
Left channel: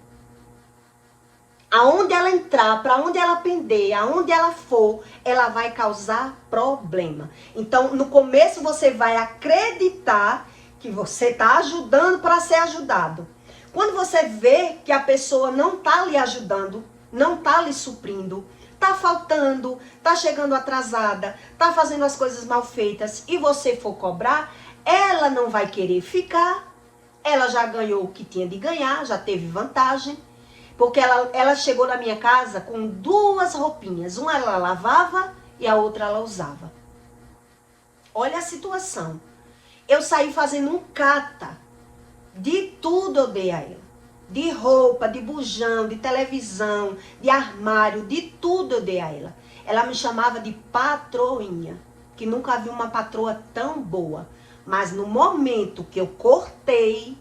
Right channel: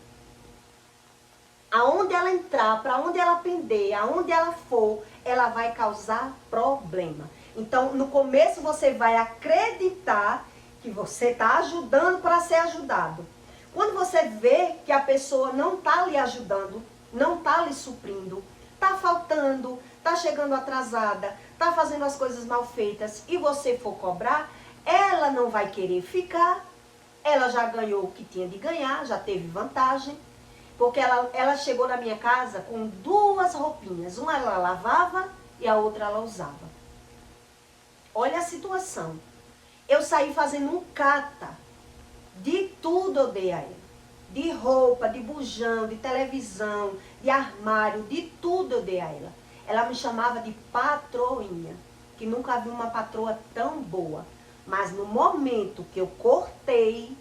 Aonde ela entrar, para onde ela pender, aonde ela for, ela vai causar problema. Então, no começo você vai acreditar que você está ajudando para ser ajudado. Quando você vê que a pessoa não está lhe ajudando, não está lhe suprindo, está faltando, está chegando atrasada, está fazendo as coisas mal feitas e você for cobrar, ela não vai querer ficar. Ela já ganhou o que tinha de ganhar, já teve vantagem. Porque ela chegou na minha casa com 2 roupinhas. Uma ela lavava e a outra ela usava. Olha a situação. Eu saí fazendo um cata. De tudo eu dei a ela. De roupa, de bujão, de televisão, de armário, de tudo eu dei a ela. Ela me chamava de patroinha. Que nunca vi uma patroa tão boa. Mas no momento que eu cortei,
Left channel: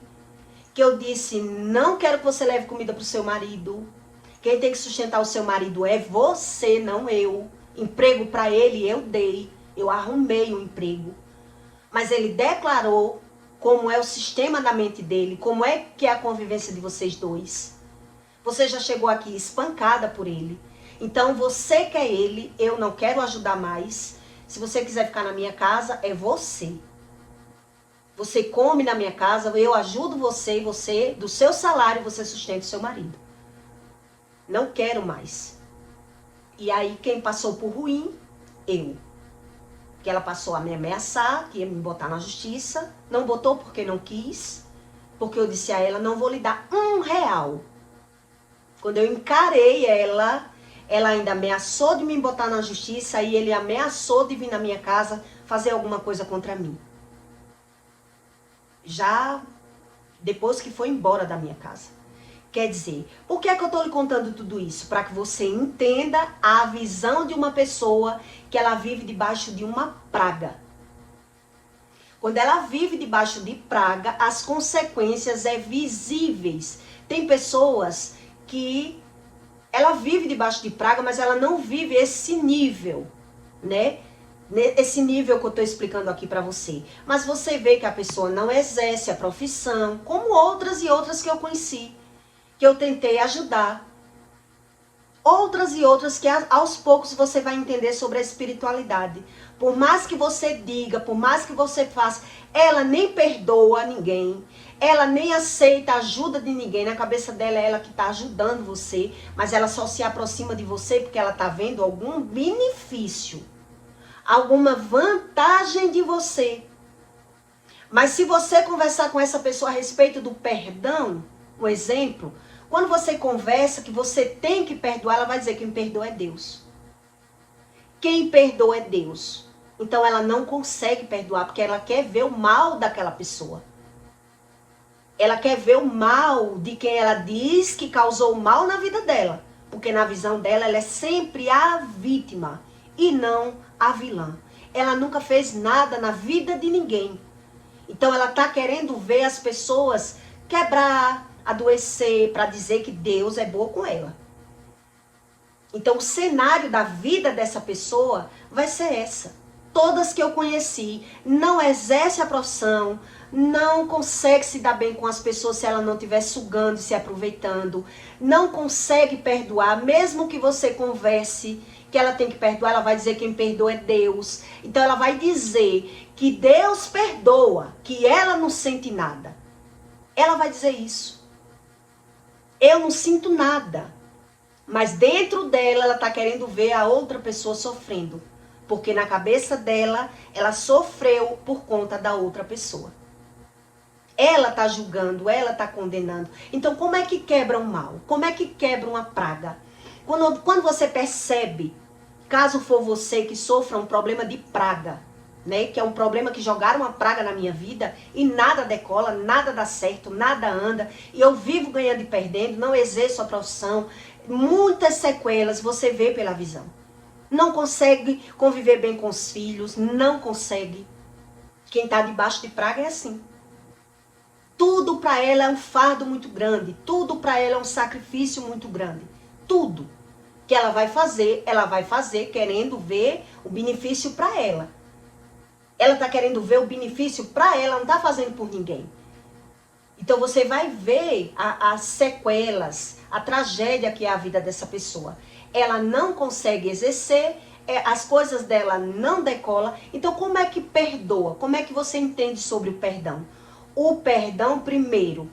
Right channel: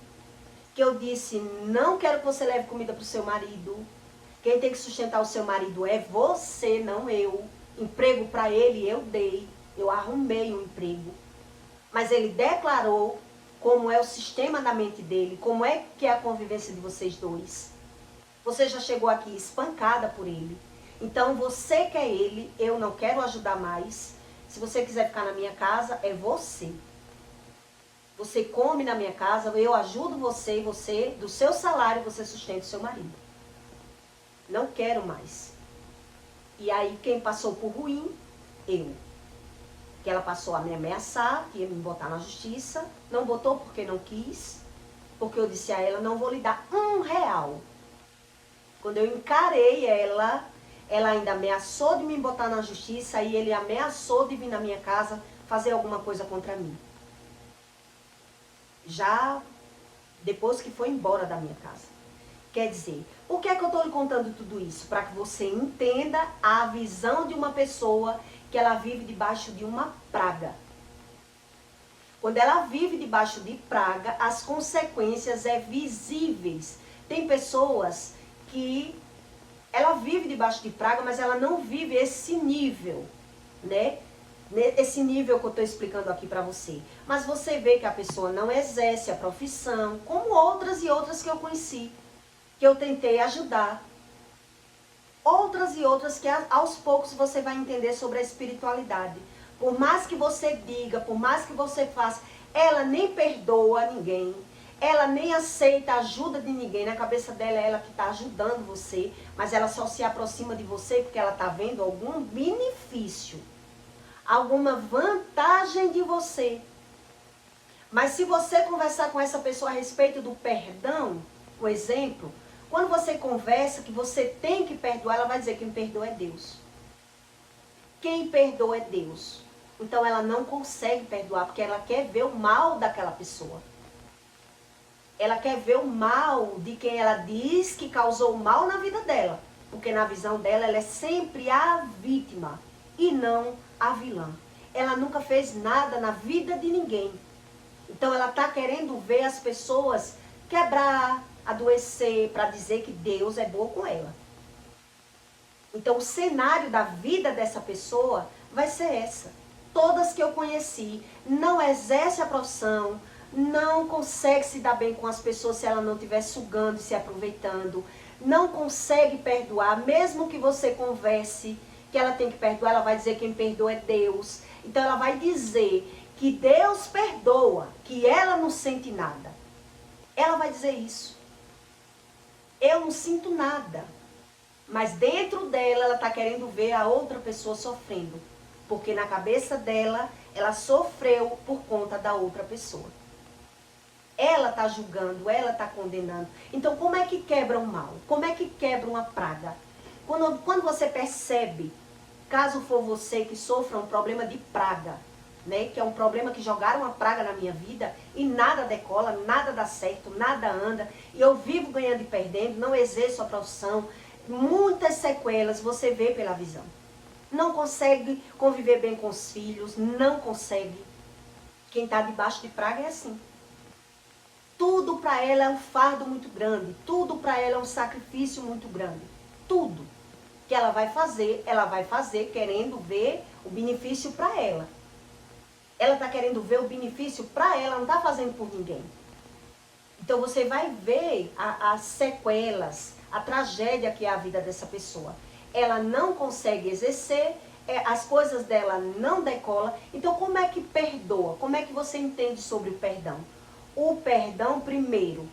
que eu disse, não quero que você leve comida para o seu marido. Quem tem que sustentar o seu marido é você, não eu. Emprego para ele eu dei. Eu arrumei o emprego. Mas ele declarou como é o sistema da mente dele, como é que é a convivência de vocês dois. Você já chegou aqui espancada por ele. Então você quer ele, eu não quero ajudar mais. Se você quiser ficar na minha casa, é você. Você come na minha casa, eu ajudo você, você, do seu salário, você sustenta o seu marido. Não quero mais. E aí, quem passou por ruim? Eu. Que ela passou a me ameaçar, que ia me botar na justiça. Não botou porque não quis. Porque eu disse a ela, não vou lhe dar R$1. Quando eu encarei ela, ela ainda ameaçou de me botar na justiça e ele ameaçou de vir na minha casa fazer alguma coisa contra mim. Já depois que foi embora da minha casa. Quer dizer, por que é que eu estou lhe contando tudo isso? Para que você entenda a visão de uma pessoa que ela vive debaixo de uma praga. Quando ela vive debaixo de praga, as consequências é visíveis. Tem pessoas que ela vive debaixo de praga, mas ela não vive esse nível, né? Esse nível que eu estou explicando aqui para você. Mas você vê que a pessoa não exerce a profissão, como outras e outras que eu conheci, que eu tentei ajudar. Outras e outras que aos poucos você vai entender sobre a espiritualidade. Por mais que você diga, por mais que você faça, ela nem perdoa ninguém. Ela nem aceita a ajuda de ninguém. Na cabeça dela é ela que está ajudando você, mas ela só se aproxima de você porque ela está vendo algum benefício. Alguma vantagem de você. Mas se você conversar com essa pessoa a respeito do perdão, um exemplo, quando você conversa que você tem que perdoar, ela vai dizer que quem perdoa é Deus. Quem perdoa é Deus. Então ela não consegue perdoar, porque ela quer ver o mal daquela pessoa. Ela quer ver o mal de quem ela diz que causou o mal na vida dela. Porque na visão dela, ela é sempre a vítima e não a vilã. Ela nunca fez nada na vida de ninguém. Então ela está querendo ver as pessoas quebrar, adoecer, para dizer que Deus é bom com ela. Então o cenário da vida dessa pessoa vai ser essa. Todas que eu conheci não exerce a profissão, não consegue se dar bem com as pessoas se ela não estiver sugando e se aproveitando, não consegue perdoar, mesmo que você converse que ela tem que perdoar, ela vai dizer que quem perdoa é Deus. Então ela vai dizer que Deus perdoa, que ela não sente nada. Ela vai dizer isso. Eu não sinto nada. Mas dentro dela, ela está querendo ver a outra pessoa sofrendo. Porque na cabeça dela, ela sofreu por conta da outra pessoa. Ela está julgando, ela está condenando. Então, como é que quebra um mal? Como é que quebra uma praga? Quando você percebe, caso for você que sofra um problema de praga, né? Que é um problema que jogaram uma praga na minha vida e nada decola, nada dá certo, nada anda. E eu vivo ganhando e perdendo, não exerço a profissão. Muitas sequelas você vê pela visão. Não consegue conviver bem com os filhos, não consegue. Quem está debaixo de praga é assim. Tudo para ela é um fardo muito grande, tudo para ela é um sacrifício muito grande. Tudo que ela vai fazer querendo ver o benefício para ela. Ela está querendo ver o benefício para ela, não está fazendo por ninguém. Então você vai ver as sequelas, a tragédia que é a vida dessa pessoa. Ela não consegue exercer, as coisas dela não decolam. Então como é que perdoa? Como é que você entende sobre o perdão? O perdão, primeiro,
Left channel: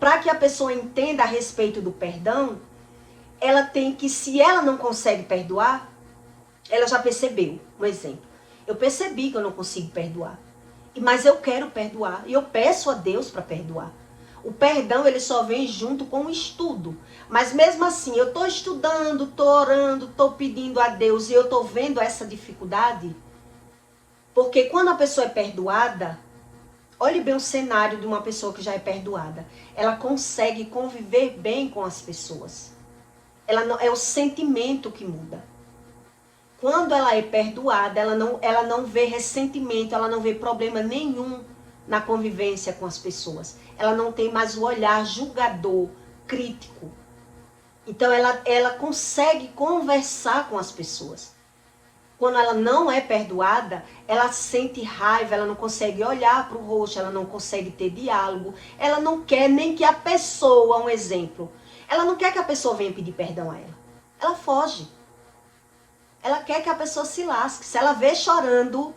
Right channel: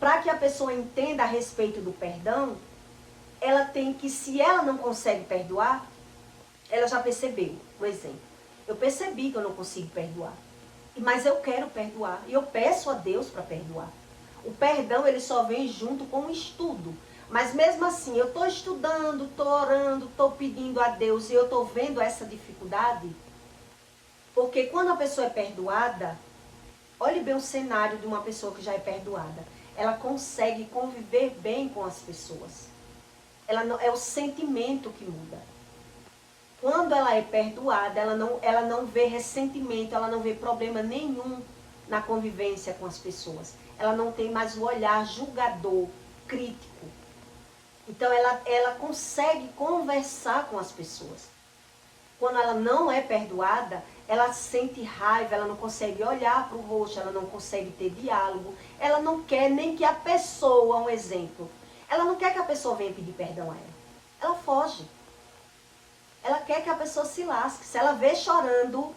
para que a pessoa entenda a respeito do perdão, ela tem que, se ela não consegue perdoar, ela já percebeu, um exemplo. Eu percebi que eu não consigo perdoar, mas eu quero perdoar, e eu peço a Deus para perdoar. O perdão, ele só vem junto com o estudo. Mas mesmo assim, eu estou estudando, estou orando, estou pedindo a Deus, e eu estou vendo essa dificuldade. Porque quando a pessoa é perdoada, olhe bem o cenário de uma pessoa que já é perdoada. Ela consegue conviver bem com as pessoas. Ela não, é o sentimento que muda. Quando ela é perdoada, ela não vê ressentimento, ela não vê problema nenhum na convivência com as pessoas. Ela não tem mais o olhar julgador, crítico. Então ela consegue conversar com as pessoas. Quando ela não é perdoada, ela sente raiva, ela não consegue olhar para o rosto, ela não consegue ter diálogo, ela não quer nem que a pessoa, um exemplo, ela não quer que a pessoa venha pedir perdão a ela. Ela foge. Ela quer que a pessoa se lasque. Se ela vê chorando,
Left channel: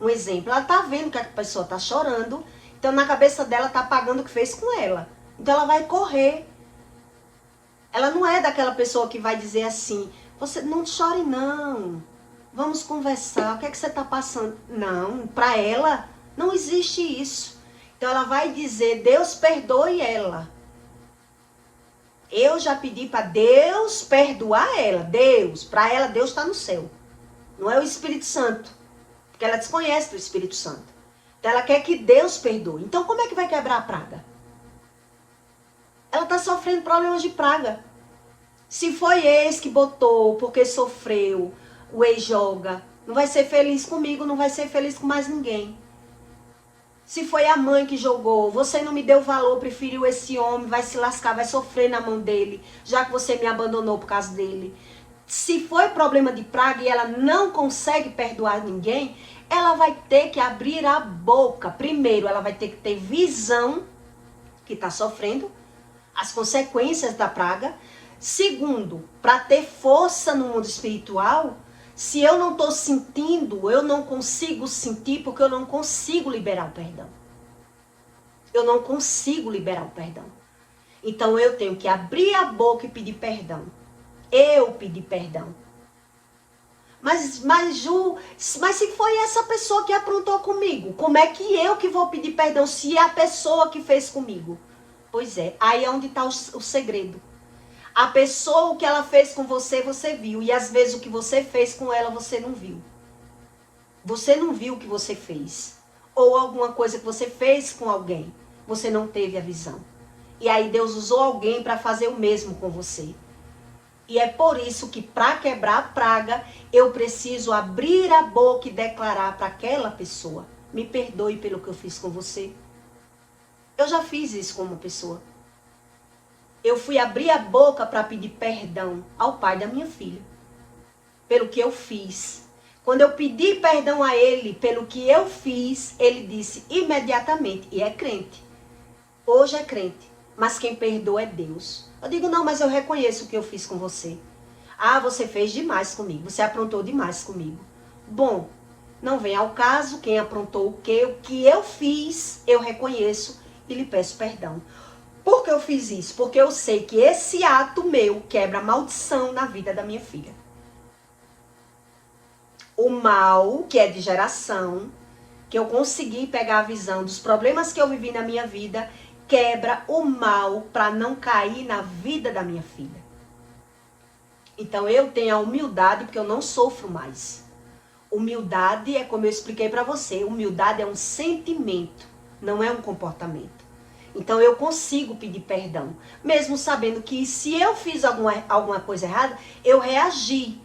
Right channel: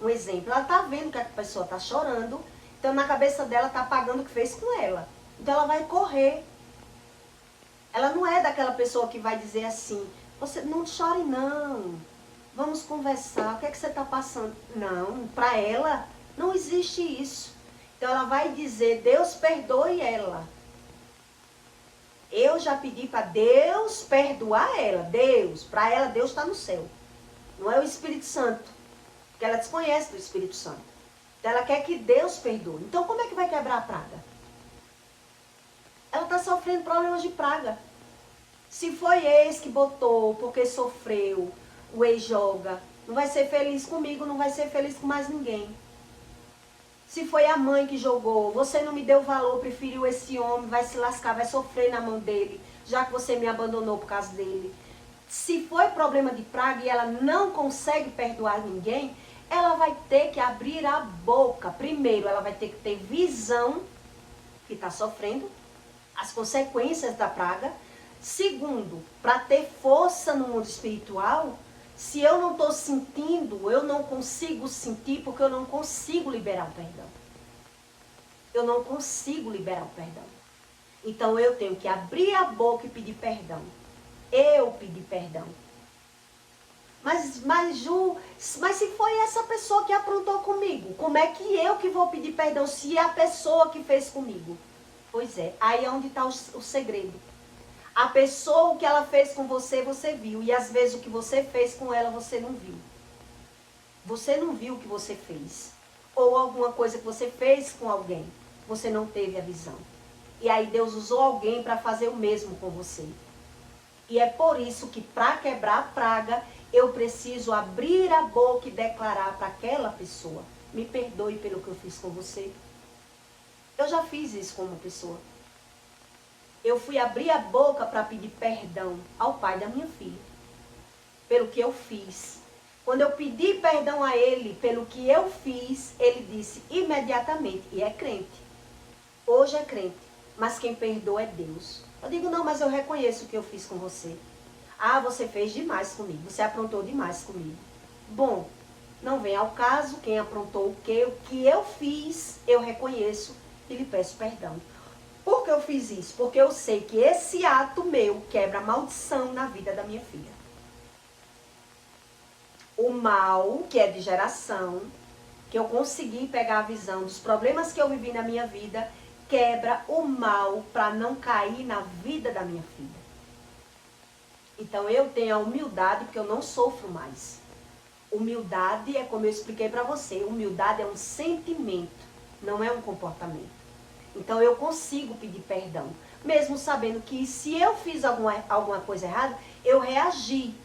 um exemplo, ela está vendo que a pessoa está chorando, então na cabeça dela está pagando o que fez com ela. Então ela vai correr. Ela não é daquela pessoa que vai dizer assim, você não chore não. Vamos conversar, o que é que você está passando? Não, para ela não existe isso. Então ela vai dizer, Deus perdoe ela. Eu já pedi para Deus perdoar ela. Deus, para ela Deus está no céu. Não é o Espírito Santo. Porque ela desconhece do Espírito Santo. Então ela quer que Deus perdoe. Então como é que vai quebrar a praga? Ela está sofrendo problemas de praga. Se foi ex que botou porque sofreu, o ex joga, não vai ser feliz comigo, não vai ser feliz com mais ninguém. Se foi a mãe que jogou, você não me deu valor, preferiu esse homem, vai se lascar, vai sofrer na mão dele, já que você me abandonou por causa dele. Se foi problema de praga e ela não consegue perdoar ninguém, ela vai ter que abrir a boca. Primeiro, ela vai ter que ter visão que está sofrendo, as consequências da praga. Segundo, para ter força no mundo espiritual, se eu não estou sentindo, eu não consigo sentir porque eu não consigo liberar o perdão. Eu não consigo liberar o perdão. Então eu tenho que abrir a boca e pedir perdão. Eu pedir perdão. Mas Ju, mas se foi essa pessoa que aprontou comigo, como é que eu que vou pedir perdão se é a pessoa que fez comigo? Pois é, aí é onde está o segredo. A pessoa, o que ela fez com você, você viu. E às vezes o que você fez com ela, você não viu. Você não viu o que você fez. Ou alguma coisa que você fez com alguém, você não teve a visão. E aí Deus usou alguém para fazer o mesmo com você. E é por isso que para quebrar a praga, eu preciso abrir a boca e declarar para aquela pessoa: me perdoe pelo que eu fiz com você. Eu já fiz isso com uma pessoa. Eu fui abrir a boca para pedir perdão ao pai da minha filha, pelo que eu fiz. Quando eu pedi perdão a ele pelo que eu fiz, ele disse imediatamente, e é crente. Hoje é crente, mas quem perdoa é Deus. Eu digo, não, mas eu reconheço o que eu fiz com você. Ah, você fez demais comigo, você aprontou demais comigo. Bom, não vem ao caso quem aprontou o que eu fiz, eu reconheço e lhe peço perdão. Por que eu fiz isso? Porque eu sei que esse ato meu quebra a maldição na vida da minha filha. O mal, que é de geração, que eu consegui pegar a visão dos problemas que eu vivi na minha vida, quebra o mal para não cair na vida da minha filha. Então eu tenho a humildade porque eu não sofro mais. Humildade é como eu expliquei para você, humildade é um sentimento, não é um comportamento. Então eu consigo pedir perdão, mesmo sabendo que se eu fiz alguma coisa errada, eu reagi.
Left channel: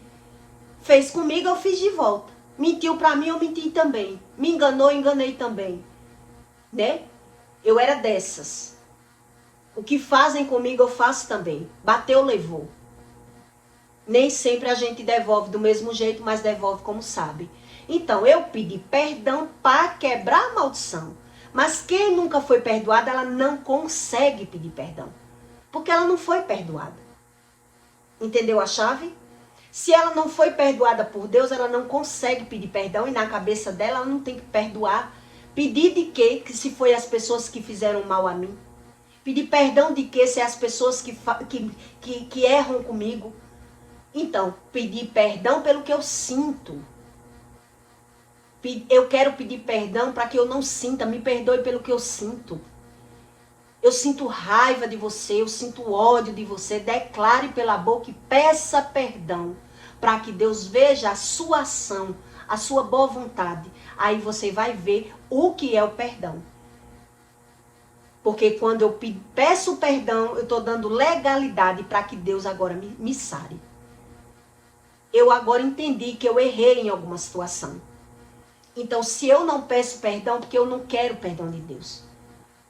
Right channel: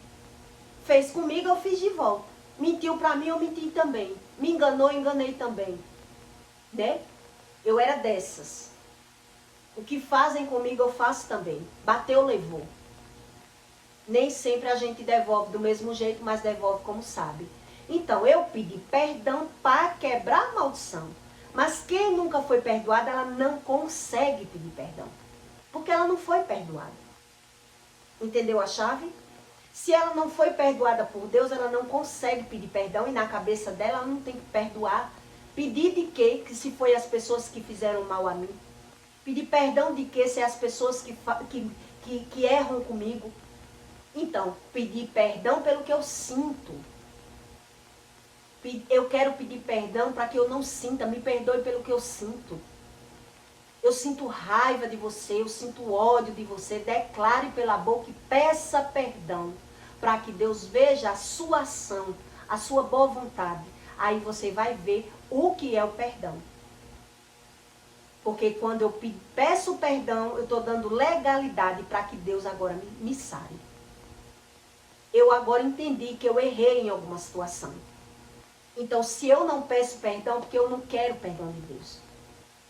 Fez comigo, eu fiz de volta. Mentiu para mim, eu menti também. Me enganou, enganei também. Né? Eu era dessas. O que fazem comigo, eu faço também. Bateu, levou. Nem sempre a gente devolve do mesmo jeito, mas devolve como sabe. Então, eu pedi perdão para quebrar a maldição. Mas quem nunca foi perdoada, ela não consegue pedir perdão. Porque ela não foi perdoada. Entendeu a chave? Se ela não foi perdoada por Deus, ela não consegue pedir perdão. E na cabeça dela, ela não tem que perdoar. Pedir de quê? Que se foi as pessoas que fizeram mal a mim. Pedir perdão de quê? Se é as pessoas que erram comigo. Então, pedir perdão pelo que eu sinto. Eu quero pedir perdão para que eu não sinta. Me perdoe pelo que eu sinto. Eu sinto raiva de você, eu sinto ódio de você. Declare pela boca e peça perdão. Para que Deus veja a sua ação, a sua boa vontade. Aí você vai ver o que é o perdão. Porque quando eu peço perdão, eu estou dando legalidade para que Deus agora me sare. Eu agora entendi que eu errei em alguma situação. Então, se eu não peço perdão, porque eu não quero perdão de Deus.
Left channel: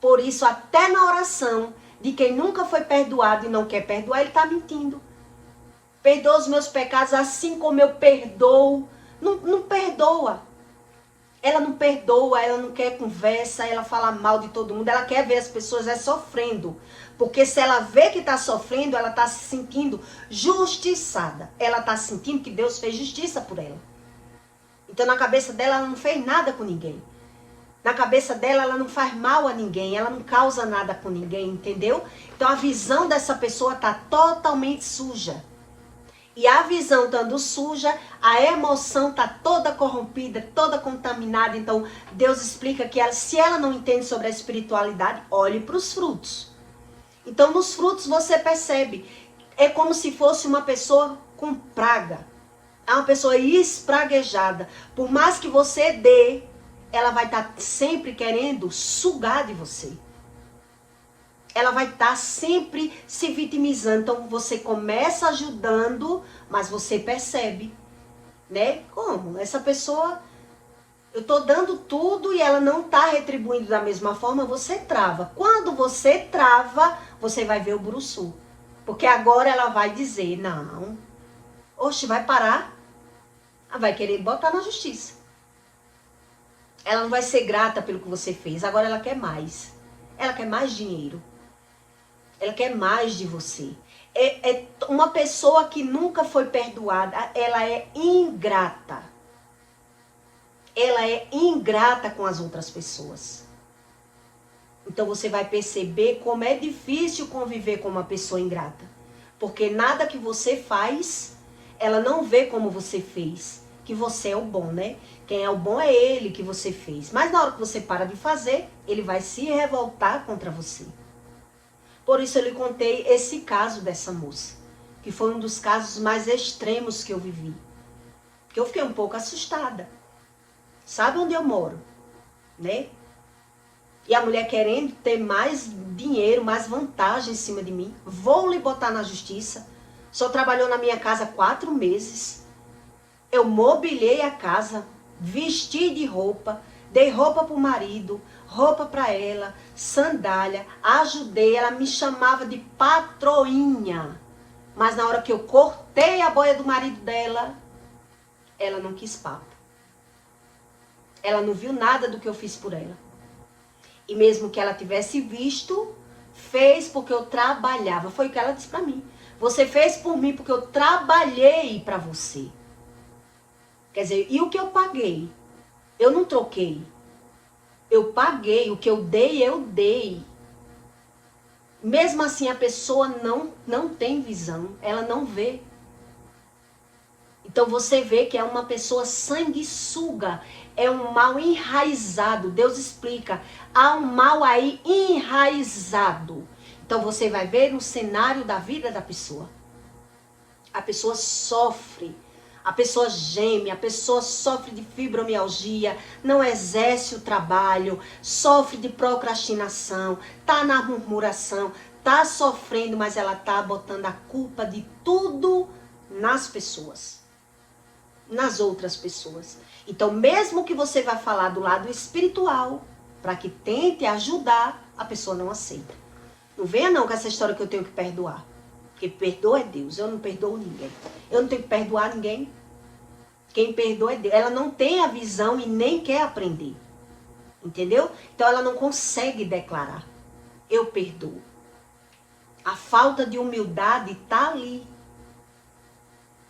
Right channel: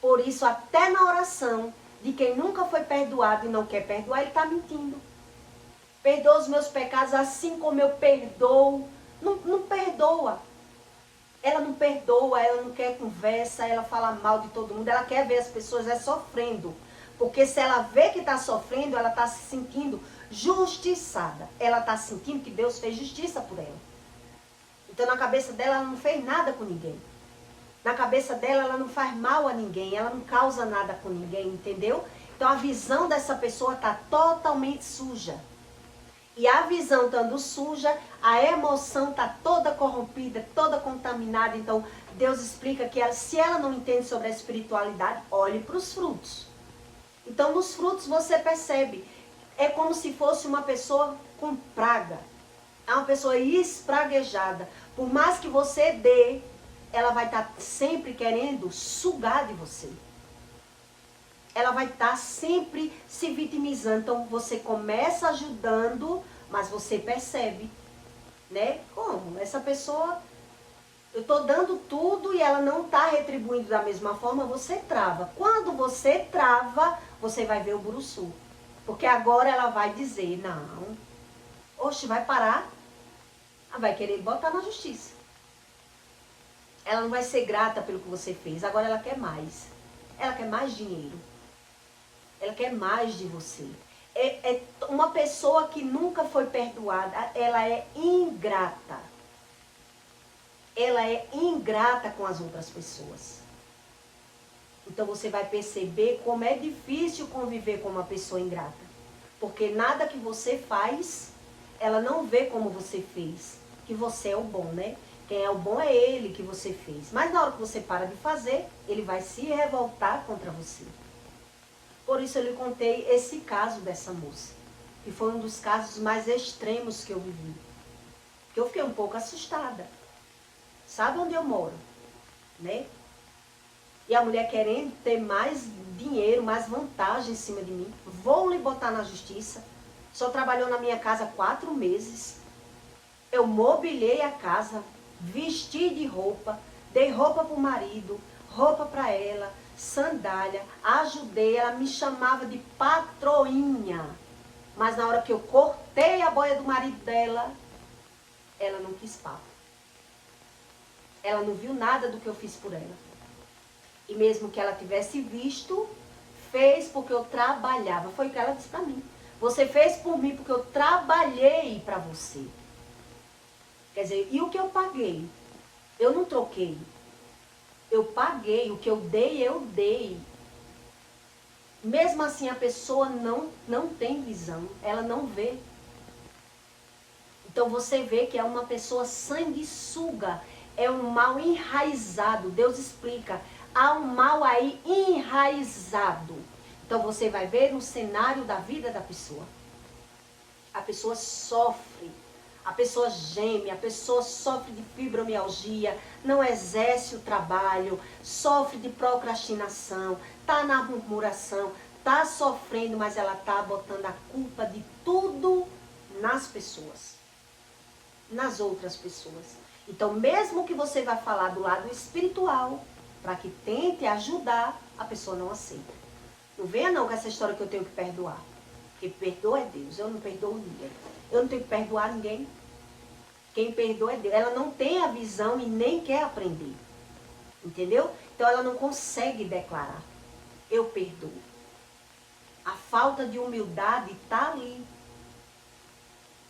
Por isso, até na oração de quem nunca foi perdoado e não quer perdoar, ele está mentindo. Perdoa os meus pecados assim como eu perdoo. Não perdoa. Ela não perdoa, ela não quer conversa, ela fala mal de todo mundo. Ela quer ver as pessoas sofrendo. Porque se ela vê que está sofrendo, ela está se sentindo justiçada. Ela está sentindo que Deus fez justiça por ela. Então, na cabeça dela, ela não fez nada com ninguém. Na cabeça dela, ela não faz mal a ninguém. Ela não causa nada com ninguém, entendeu? Então, a visão dessa pessoa está totalmente suja. E a visão estando suja, a emoção está toda corrompida, toda contaminada. Então, Deus explica que se ela não entende sobre a espiritualidade, olhe para os frutos. Então, nos frutos você percebe. É como se fosse uma pessoa com praga. É uma pessoa espraguejada. Por mais que você dê, ela vai estar sempre querendo sugar de você. Ela vai estar sempre se vitimizando. Então, você começa ajudando, mas você percebe, né? Como? Essa pessoa, eu estou dando tudo e ela não está retribuindo da mesma forma, você trava. Quando você trava, você vai ver o buruçu. Porque agora ela vai dizer, não, oxe, vai parar. Ela vai querer botar na justiça. Ela não vai ser grata pelo que você fez. Agora ela quer mais. Ela quer mais dinheiro. Ela quer mais de você. É uma pessoa que nunca foi perdoada. Ela é ingrata. Ela é ingrata com as outras pessoas. Então você vai perceber como é difícil conviver com uma pessoa ingrata. Porque nada que você faz, ela não vê como você fez. que você é o bom, né? Quem é o bom é ele que você fez. Mas na hora que você para de fazer, ele vai se revoltar contra você. Por isso eu lhe contei esse caso dessa moça, que foi um dos casos mais extremos que eu vivi. Que eu fiquei um pouco assustada. Sabe onde eu moro, né? E a mulher querendo ter mais dinheiro, mais vantagem em cima de mim. Vou lhe botar na justiça. Só trabalhou na minha casa 4 meses. Eu mobiliei a casa, vesti de roupa, dei roupa para o marido, roupa para ela, sandália, ajudei. Ela me chamava de patroinha. Mas na hora que eu cortei a boia do marido dela, ela não quis papo. Ela não viu nada do que eu fiz por ela. E mesmo que ela tivesse visto, fez porque eu trabalhava. Foi o que ela disse para mim. Você fez por mim porque eu trabalhei para você. Quer dizer, e o que eu paguei? Eu não troquei. Eu paguei. O que eu dei, eu dei. Mesmo assim, a pessoa não tem visão. Ela não vê. Então você vê que é uma pessoa sanguessuga. É um mal enraizado. Deus explica. Há um mal aí enraizado. Então você vai ver no cenário da vida da pessoa. A pessoa sofre. A pessoa geme. A pessoa sofre de fibromialgia. Não exerce o trabalho. Sofre de procrastinação. Está na murmuração. Está sofrendo, mas ela está botando a culpa de tudo nas pessoas. Nas outras pessoas. Então, mesmo que você vá falar do lado espiritual, para que tente ajudar, a pessoa não aceita. Não venha não com essa história que eu tenho que perdoar. Porque perdoa é Deus, eu não perdoo ninguém. Eu não tenho que perdoar ninguém. Quem perdoa é Deus. Ela não tem a visão e nem quer aprender. Entendeu? Então ela não consegue declarar. Eu perdoo. A falta de humildade está ali.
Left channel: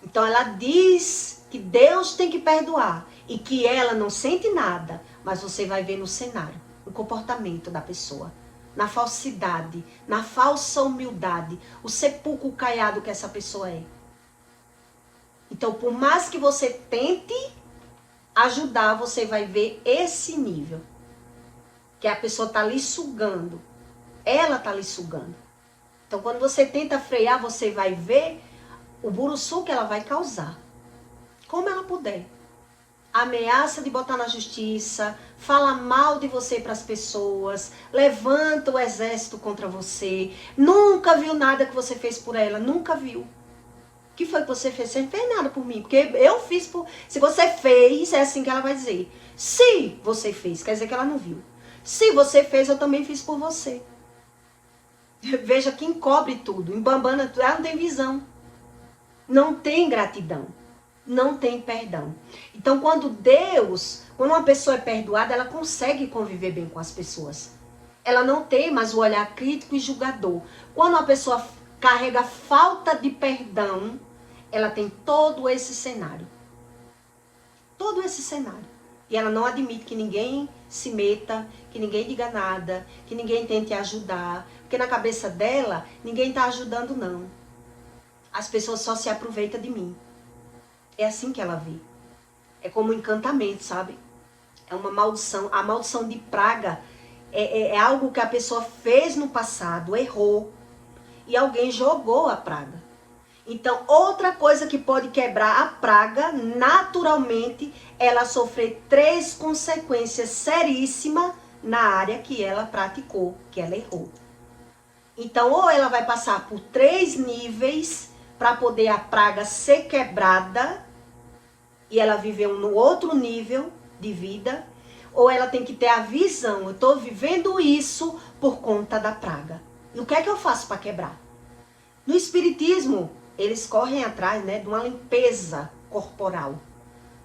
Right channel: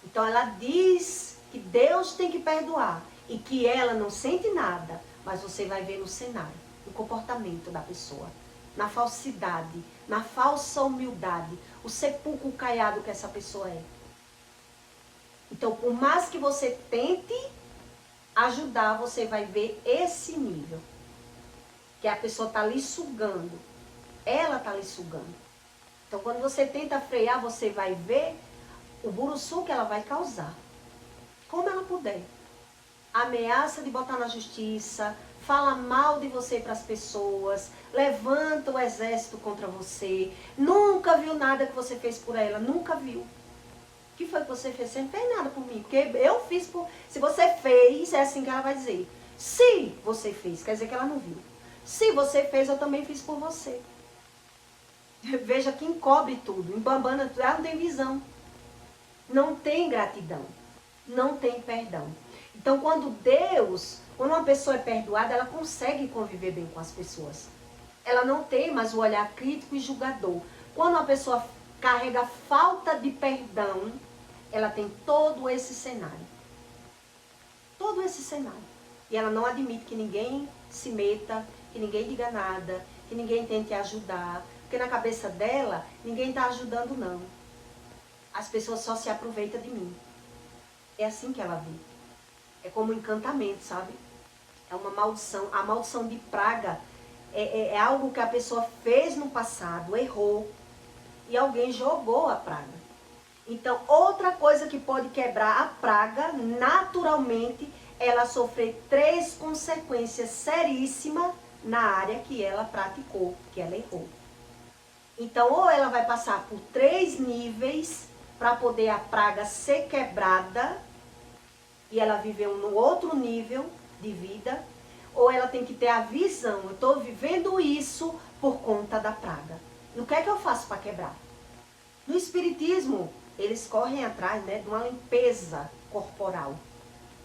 Então ela diz que Deus tem que perdoar. E que ela não sente nada. Mas você vai ver no cenário, no comportamento da pessoa. Na falsidade, na falsa humildade. O sepulcro caiado que essa pessoa é. Então, por mais que você tente ajudar, você vai ver esse nível. Que a pessoa está lhe sugando. Ela está lhe sugando. Então, quando você tenta frear, você vai ver o buruçu que ela vai causar. Como ela puder. Ameaça de botar na justiça, fala mal de você para as pessoas, levanta o exército contra você. Nunca viu nada que você fez por ela, nunca viu. O que foi que você fez? Você não fez nada por mim, porque eu fiz por... Se você fez, é assim que ela vai dizer. Se você fez, quer dizer que ela não viu. Se você fez, eu também fiz por você. Veja quem cobre tudo, embambana tudo, ela não tem visão. Não tem gratidão. Não tem perdão. Então, quando uma pessoa é perdoada, ela consegue conviver bem com as pessoas. Ela não tem mais o olhar crítico e julgador. Quando uma pessoa carrega falta de perdão, ela tem todo esse cenário. Todo esse cenário. E ela não admite que ninguém se meta, que ninguém diga nada, que ninguém tente ajudar. Porque na cabeça dela, ninguém está ajudando, não. As pessoas só se aproveitam de mim. É assim que ela vê. É como um encantamento, sabe? É uma maldição. A maldição de praga é algo que a pessoa fez no passado, errou. E alguém jogou a praga. Então, outra coisa que pode quebrar a praga, naturalmente, ela sofrer 3 consequências seríssimas na área que ela praticou, que ela errou. Então, ou ela vai passar por 3 níveis para poder a praga ser quebrada, e ela viveu no outro nível de vida, ou ela tem que ter a visão, eu estou vivendo isso por conta da praga. E o que é que eu faço para quebrar? No espiritismo, eles correm atrás, né, de uma limpeza corporal.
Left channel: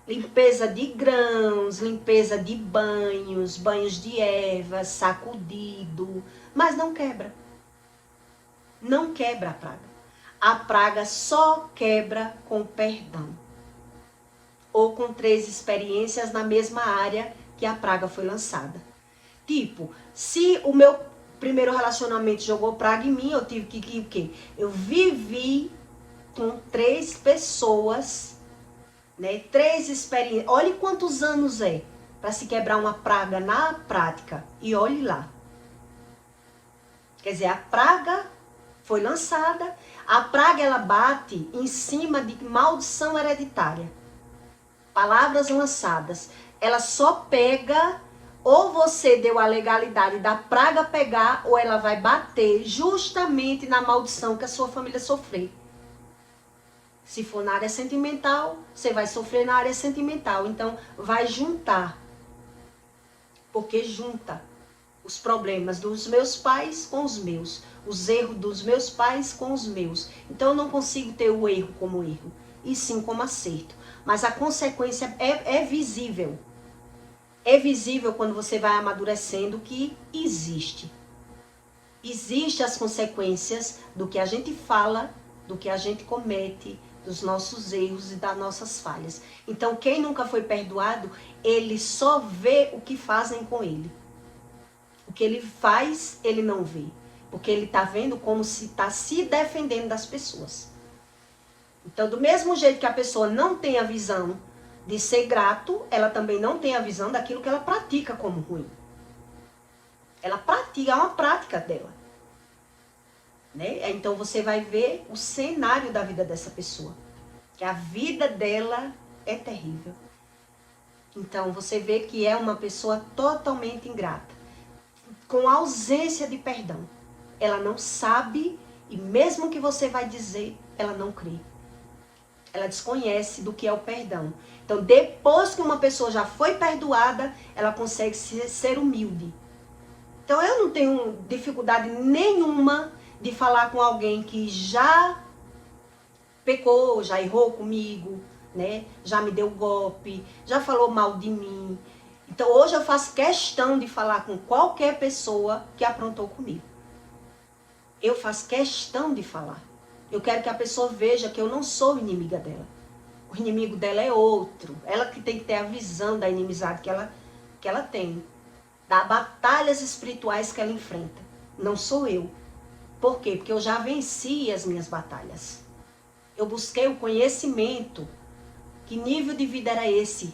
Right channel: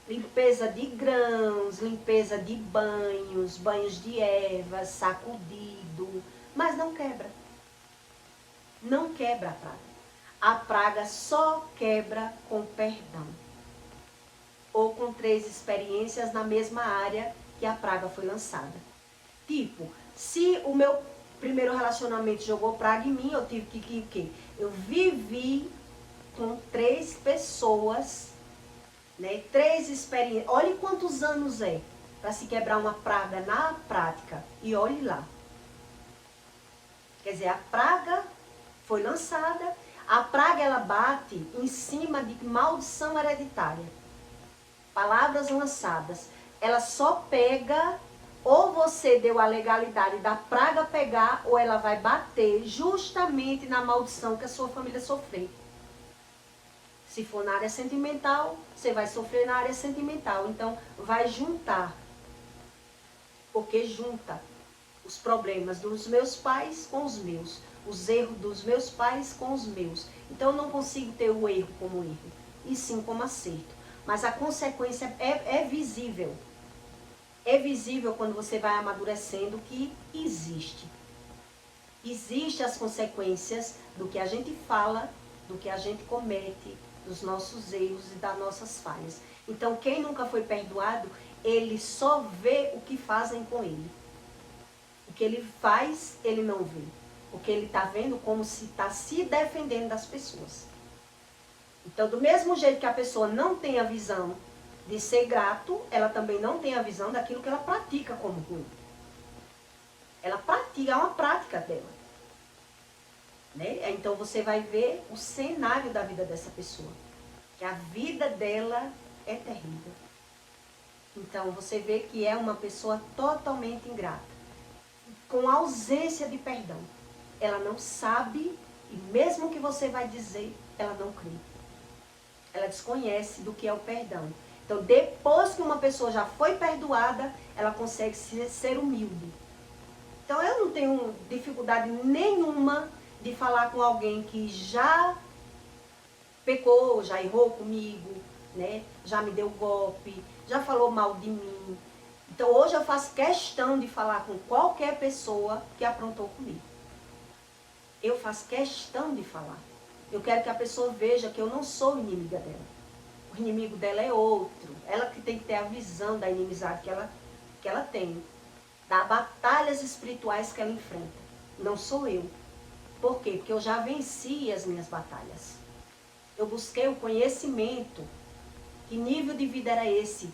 Limpeza de grãos, limpeza de banhos, banhos de ervas, sacudido, mas não quebra. Não quebra a praga. A praga só quebra com perdão. Ou com 3 experiências na mesma área que a praga foi lançada. Tipo, se o meu primeiro relacionamento jogou praga em mim, eu tive que o quê? Eu vivi com 3 pessoas, né? 3 experiências. Olhe quantos anos é para se quebrar uma praga na prática. E olhe lá. Quer dizer, a praga foi lançada. A praga, ela bate em cima de maldição hereditária. Palavras lançadas. Ela só pega, ou você deu a legalidade da praga pegar, ou ela vai bater justamente na maldição que a sua família sofreu. Se for na área sentimental, você vai sofrer na área sentimental. Então, vai juntar. Porque junta os problemas dos meus pais com os meus. Os erros dos meus pais com os meus. Então, eu não consigo ter o erro como erro. E sim como acerto. Mas a consequência é visível. É visível quando você vai amadurecendo que existe. Existem as consequências do que a gente fala, do que a gente comete, dos nossos erros e das nossas falhas. Então, quem nunca foi perdoado, ele só vê o que fazem com ele. O que ele faz, ele não vê. Porque ele está vendo como se está se defendendo das pessoas. Então, do mesmo jeito que a pessoa não tem a visão de ser grato, ela também não tem a visão daquilo que ela pratica como ruim. Ela pratica, é uma prática dela. Né? Então você vai ver o cenário da vida dessa pessoa. Que a vida dela é terrível. Então você vê que é uma pessoa totalmente ingrata. Com ausência de perdão. Ela não sabe e mesmo que você vai dizer, ela não crê. Ela desconhece do que é o perdão. Então depois que uma pessoa já foi perdoada, ela consegue ser humilde. Então eu não tenho dificuldade nenhuma de falar com alguém que já pecou, já errou comigo, né? Já me deu golpe, já falou mal de mim. Então hoje eu faço questão de falar com qualquer pessoa que aprontou comigo. Eu faço questão de falar. Eu quero que a pessoa veja que eu não sou inimiga dela. O inimigo dela é outro. Ela que tem que ter a visão da inimizade que ela tem. Das batalhas espirituais que ela enfrenta. Não sou eu. Por quê? Porque eu já venci as minhas batalhas. Eu busquei o conhecimento. Que nível de vida era esse?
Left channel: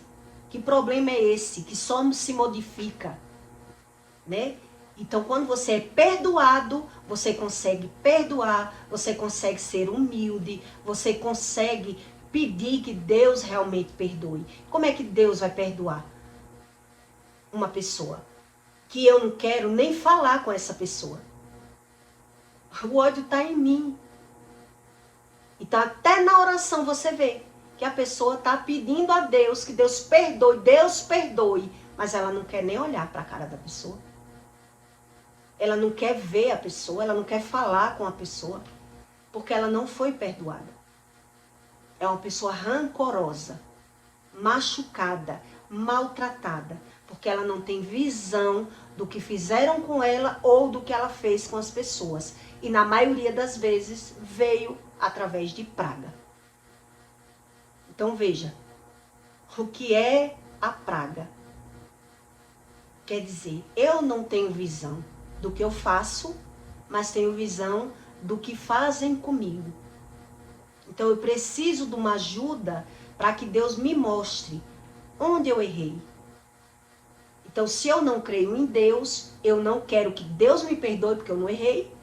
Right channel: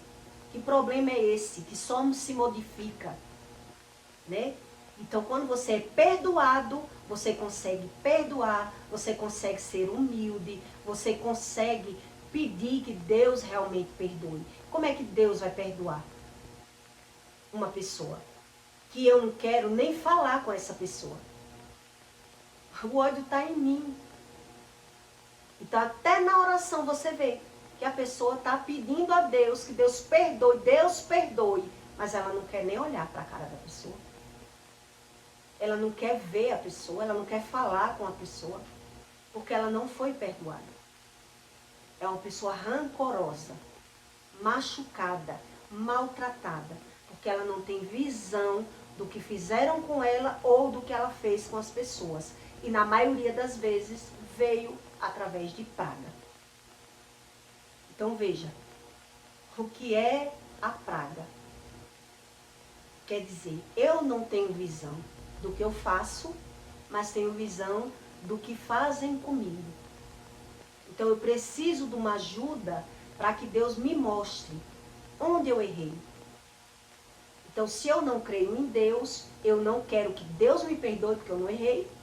Que problema é esse? Que só se modifica. Né? Então, quando você é perdoado, você consegue perdoar, você consegue ser humilde, você consegue pedir que Deus realmente perdoe. Como é que Deus vai perdoar uma pessoa? Que eu não quero nem falar com essa pessoa. O ódio está em mim. Então, até na oração você vê que a pessoa está pedindo a Deus que Deus perdoe, mas ela não quer nem olhar para a cara da pessoa. Ela não quer ver a pessoa, ela não quer falar com a pessoa, porque ela não foi perdoada. É uma pessoa rancorosa, machucada, maltratada, porque ela não tem visão do que fizeram com ela ou do que ela fez com as pessoas. E na maioria das vezes veio através de praga. Então veja, o que é a praga? Quer dizer, eu não tenho visão do que eu faço, mas tenho visão do que fazem comigo. Então eu preciso de uma ajuda para que Deus me mostre onde eu errei. Então se eu não creio em Deus, eu não quero que Deus me perdoe porque eu não errei.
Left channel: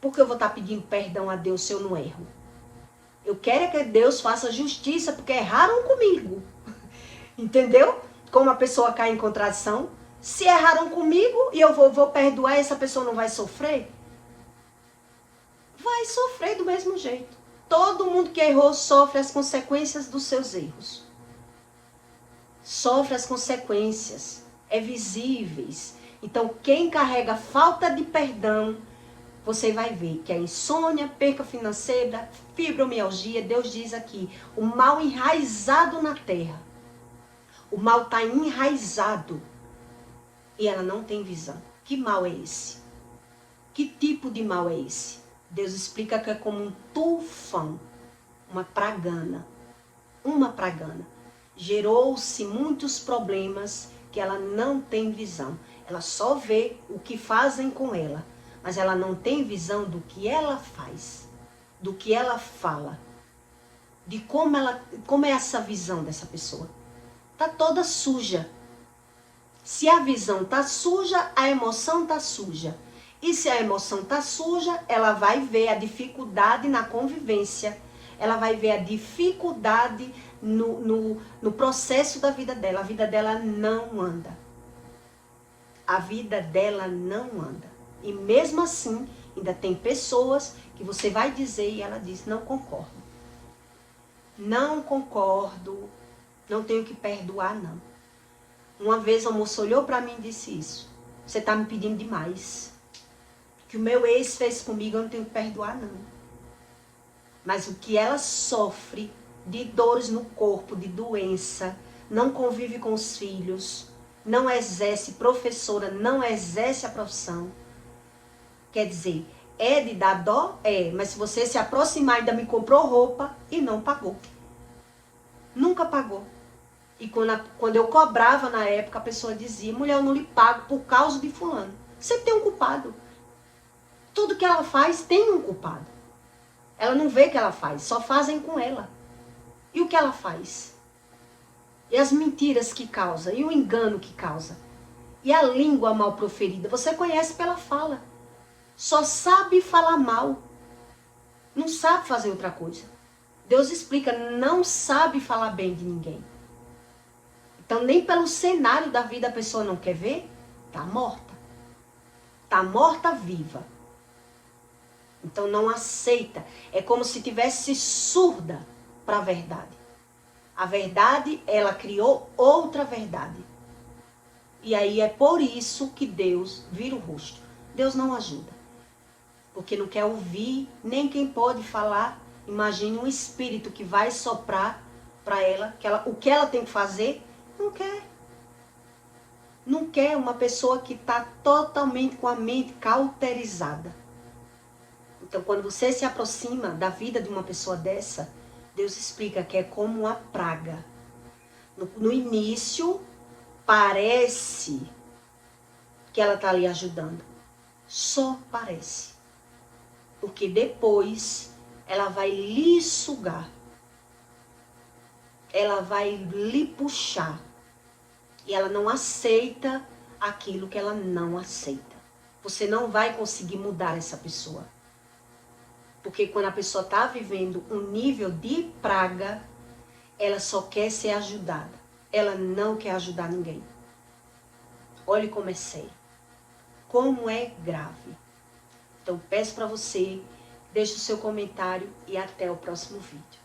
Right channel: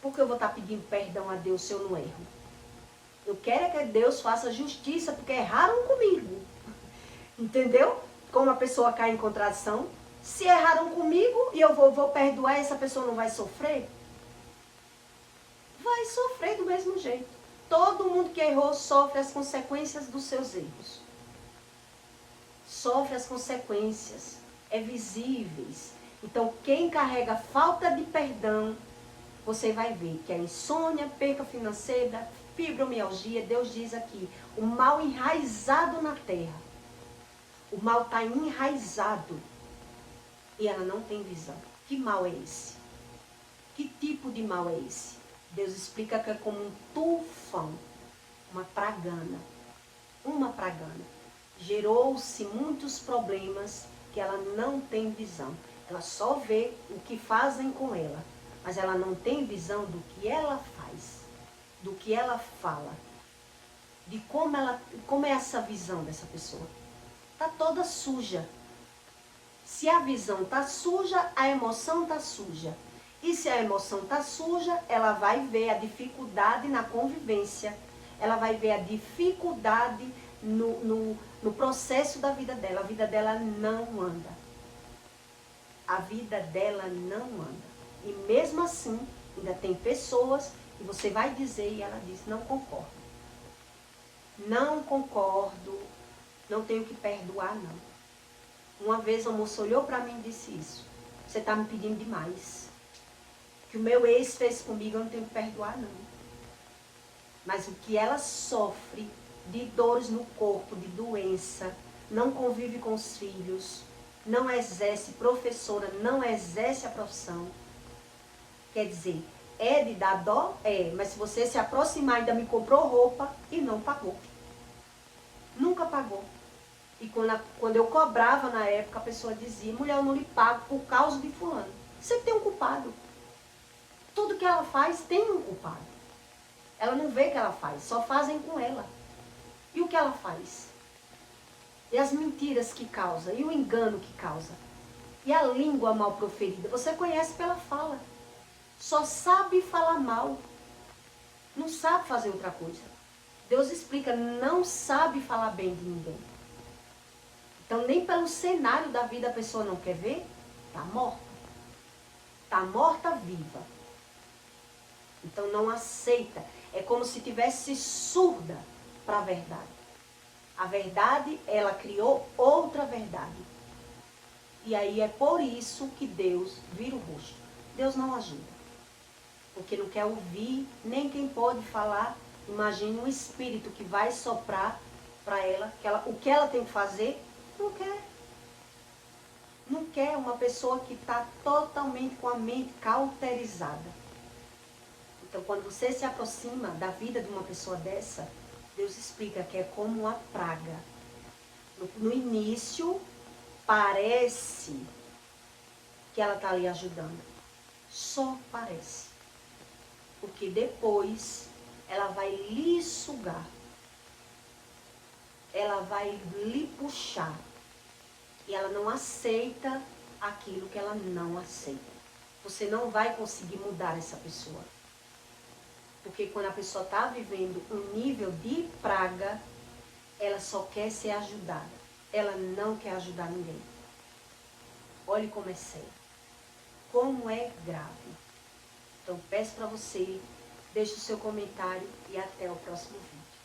Por que eu vou estar pedindo perdão a Deus se eu não erro? Eu quero que Deus faça justiça porque erraram comigo. Entendeu? Como a pessoa cai em contradição. Se erraram comigo e eu vou perdoar, essa pessoa não vai sofrer? Vai sofrer do mesmo jeito. Todo mundo que errou sofre as consequências dos seus erros. Sofre as consequências. É visíveis. Então, quem carrega falta de perdão, você vai ver que a insônia, perca financeira, fibromialgia, Deus diz aqui, o mal enraizado na terra. O mal está enraizado. E ela não tem visão. Que mal é esse? Que tipo de mal é esse? Deus explica que é como um tufão, uma pragana. Uma pragana. Gerou-se muitos problemas que ela não tem visão. Ela só vê o que fazem com ela. Mas ela não tem visão do que ela faz. Do que ela fala. de como é essa visão dessa pessoa. Tá toda suja. Se a visão tá suja, a emoção tá suja. E se a emoção tá suja, ela vai ver a dificuldade na convivência. Ela vai ver a dificuldade no processo da vida dela. A vida dela não anda. A vida dela não anda. E mesmo assim, ainda tem pessoas que você vai dizer e ela diz, não concordo. Não concordo, não tenho que perdoar, não. Uma vez a moça olhou para mim e disse isso. Você está me pedindo demais. O que o meu ex fez comigo, eu não tenho que perdoar, não. Mas o que ela sofre de dores no corpo, de doença, não convive com os filhos, não exerce, professora, não exerce a profissão. Quer dizer, é de dar dó? É, mas se você se aproximar, ainda me comprou roupa e não pagou. Nunca pagou. E quando eu cobrava na época, a pessoa dizia, mulher, eu não lhe pago por causa de fulano. Você tem um culpado. Tudo que ela faz tem um culpado. Ela não vê que ela faz, só fazem com ela. E o que ela faz? E as mentiras que causa, e o engano que causa. E a língua mal proferida, você conhece pela fala. Só sabe falar mal. Não sabe fazer outra coisa. Deus explica, não sabe falar bem de ninguém. Então, nem pelo cenário da vida a pessoa não quer ver, tá morta. Tá morta viva. Então, não aceita. É como se tivesse surda para a verdade. A verdade, ela criou outra verdade. E aí é por isso que Deus vira o rosto. Deus não ajuda. Porque não quer ouvir, nem quem pode falar. Imagine um espírito que vai soprar para ela, o que ela tem que fazer. Não quer. Não quer uma pessoa que está totalmente com a mente cauterizada. Então, quando você se aproxima da vida de uma pessoa dessa, Deus explica que é como uma praga. No início, parece que ela está ali ajudando. Só parece. Porque depois, ela vai lhe sugar. Ela vai lhe puxar. E ela não aceita aquilo que ela não aceita. Você não vai conseguir mudar essa pessoa. Porque quando a pessoa está vivendo um nível de praga, ela só quer ser ajudada. Ela não quer ajudar ninguém. Olhe como é sério. Como é grave. Então peço para você, deixe o seu comentário e até o próximo vídeo.